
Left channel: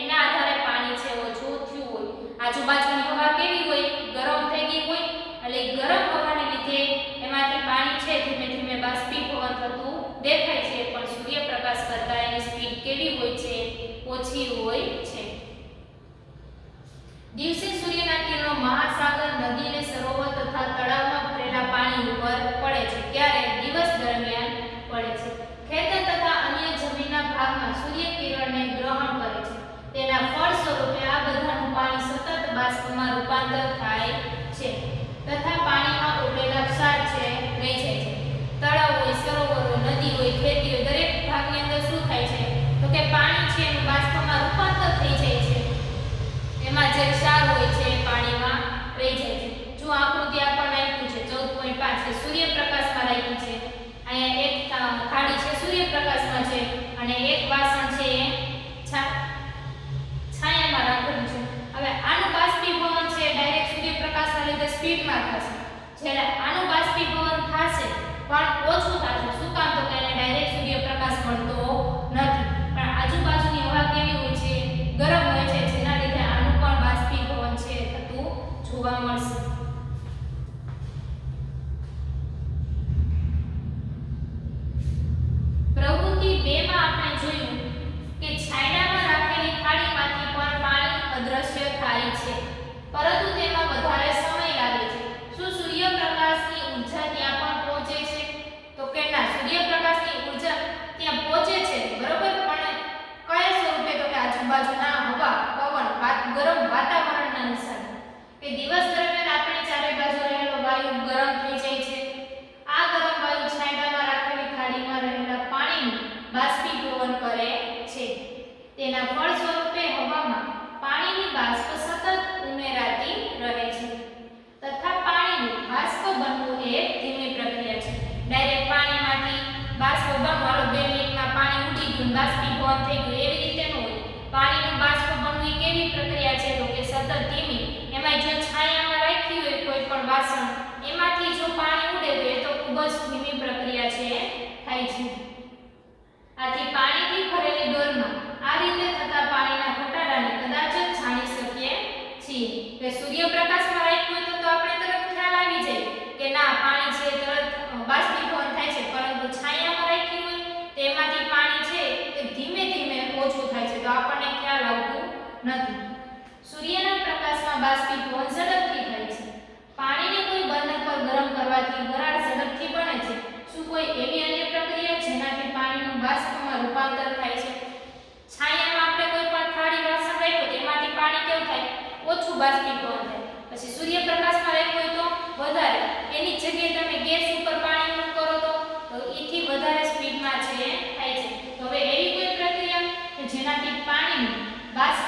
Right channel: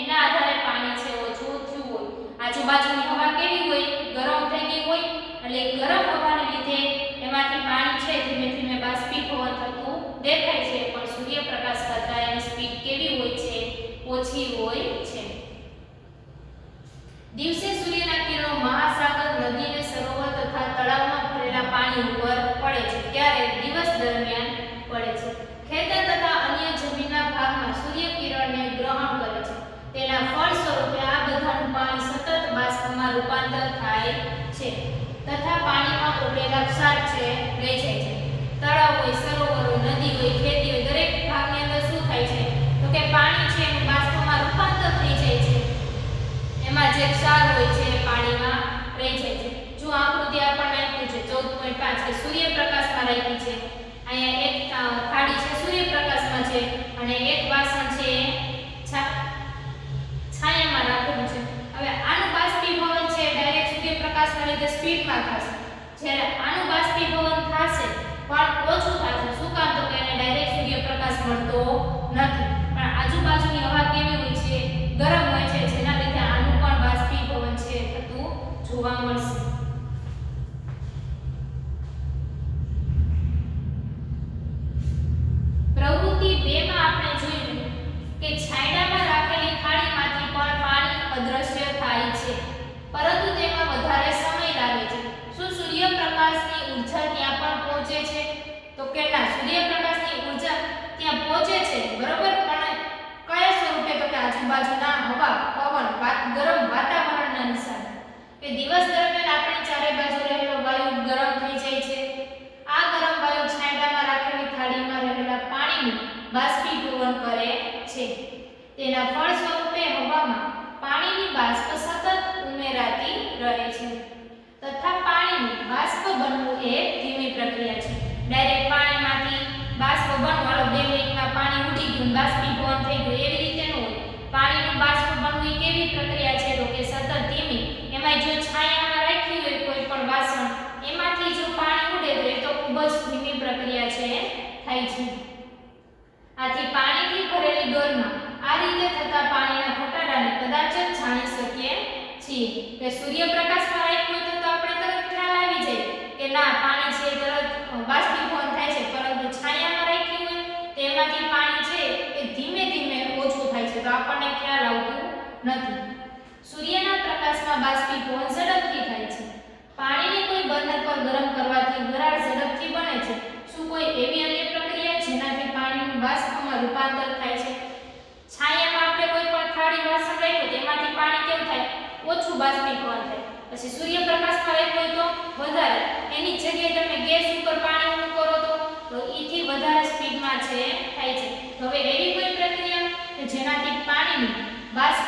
એના આધારે પાણી છે ઓછું થયું હોય. આજુબાજુની હવા કેવી હોય? ગરમ થઈ ગઈ હોય, એટલે ગરમ હવાને લીધે એમાંથી પાણી છે ધીમે ધીમે બાષ્પીભવન થતું દેખાય છે, પણ સૂર્યપ્રકાશ કરતા એની સ્પીડ કેવી હોય છે? ઓછી હોય છે. દિવસે સૂર્યના કિરણો મહાસાગર, નદી અને સરોવર તથા તળાવમાં ભરેલા પાણી ઉપર પડે છે, ત્યારે દિવસ દરમિયાન પડે છે. ખેતર તથા અન્ય જમીનના ભાગમાં સૂર્યકિરણને ગ્રહણ કરે છે. તેના ફળ સ્વરૂપે આ બધાનું પાણી સતત બાષ્પમાં રૂપાંતર થાય છે તથા પાણીમાં ઉડેલા ક્ષાર છે રહી જાય છે. તળાવ હોય, સરોવર હોય, નદી હોય, ખેતી હોય, દરેક ભાગની અંદર શું થાય છે તો કે પાણી છે એનું બાષ્પમાં રૂપાંતર થઈ જાય છે. એમાં જે ક્ષાર હોય છે એ પાણીમાં રહી જાય છે. જો આકૃતિ આપણને આપ્યું છે 14.5 કે સૂર્યપ્રકાશમાં રાખી છે. અહીંયા એક થાળી છે સૂર્યપ્રકાશમાં છે અને એક વાસણ છે છાયામાં રાખેલું છે. હવે આનું બાષ્પીભવન છે ડાયરેક્ટ સૂર્યપ્રકાશના લીધે સ્પીડમાં થશે, જ્યારે આનું બાષ્પીભવન થશે પણ ઓછું થશે. શું કામ તો કે એને ડાયરેક્ટ સૂર્યપ્રકાશ મળતો નથી, પણ આજુબાજુની હવા કેવી હોય છે? ગરમ હોય છે, જેના લીધે આનું પણ બાષ્પીભવન છે થતું જોવા મળશે. પ્રવૃત્તિ 2 માં આપણે જોયું કે છાંયડામાં રાખેલી થાળીમાંથી પણ પાણી અદ્રશ્ય થાય છે, પરંતુ તેમાં વધારે સમય લાગે છે. શું સૂર્યપ્રકાશની ઊર્જા ત્યાં પણ પહોંચે છે? તો કે ના, સૂર્યપ્રકાશની ઊર્જા ત્યાં પહોંચે છે બરોબર, પણ કયા સ્વરૂપે? તો કે આજુબાજુના હવા, પવન, ગરમ વાતાવરણના હિસાબે. કે દિવસ દરમિયાન આપણી ચારે બાજુ રહેલો વાયુ ગરમ થઈ જાય છે. આ ગરમ વાયુ છાંયડામાં રાખેલી થાળીમાં રહેલા પાણીનું બાષ્પીભવન કરે છે. તેના ફળ સ્વરૂપે હવામાં પાણીની બાષ્પ સતત ઉમેરાતી રહે છે તથા પાણીનું બાષ્પ બનવું એ ધીમી પ્રક્રિયા છે. ડાયરેક્ટ પાણીમાંથી બાષ્પ બનવું 2 મિનિટમાં પાણી ઉડી ગયું, બાષ્પીભવન થઈ ગયું, એવી રીતે ન હોય. પાણીનું બાષ્પ બનવું એ કેવી પ્રક્રિયા છે તો કે સતત ધીમી. એમાં જો છાયામાં રાખી હોય કોઈ પણ વાસણ, એમાંથી જો પાણી ઉડે તો એ તો ખૂબ જ ધીમી પ્રક્રિયા છે થાય છે. આથી પાણીથી ભરેલી ડોલમાં આ રીતે થતા પાણીના ઘટાડાને કદાચ જ જાણી શકીએ છીએ. કે સૂર્યપ્રકાશમાં રાખ્યું હોય તો આપણે તરત ખ્યાલ આવી જાય કે ના પાણી છે તરત બાષ્પીભવન થાય છે, પરંતુ છાયામાં રાખ્યું હોય તો એમાંથી પાણી છે એ ધીમે ધીમે ઓછું થાય છે, તો આપણને ખ્યાલ આવતું નથી. સૂર્યના પ્રકાશમાં બાષ્પીભવન ઝડપથી થાય છે. પાણીને કોઈ બર્નર પર ગરમ કરવાથી વરાળ ઝડપથી બને છે. શું કોઈ એવી અન્ય પ્રક્રિયા જેનાથી પાણીનું બાષ્પમાં રૂપાંતર રૂપાંતર થાય છે. છાયામાં આપણે કોઈ પણ થાળી વાસણ રાખ્યું તો એમાંથી પાણી કેવું થાય? ઓછું બાષ્પીભવન થાય. પછી સૂર્યપ્રકાશમાં રાખ્યું હોય તો વધારે. એની જગ્યાએ તમે ગેસ ઉપર પાણી મૂકો તો એથી વધારે સ્પીડમાં છે થાય છે. તો હવે એવી કોઈ પ્રક્રિયા કે જેનાથી પાણીનું બાષ્પ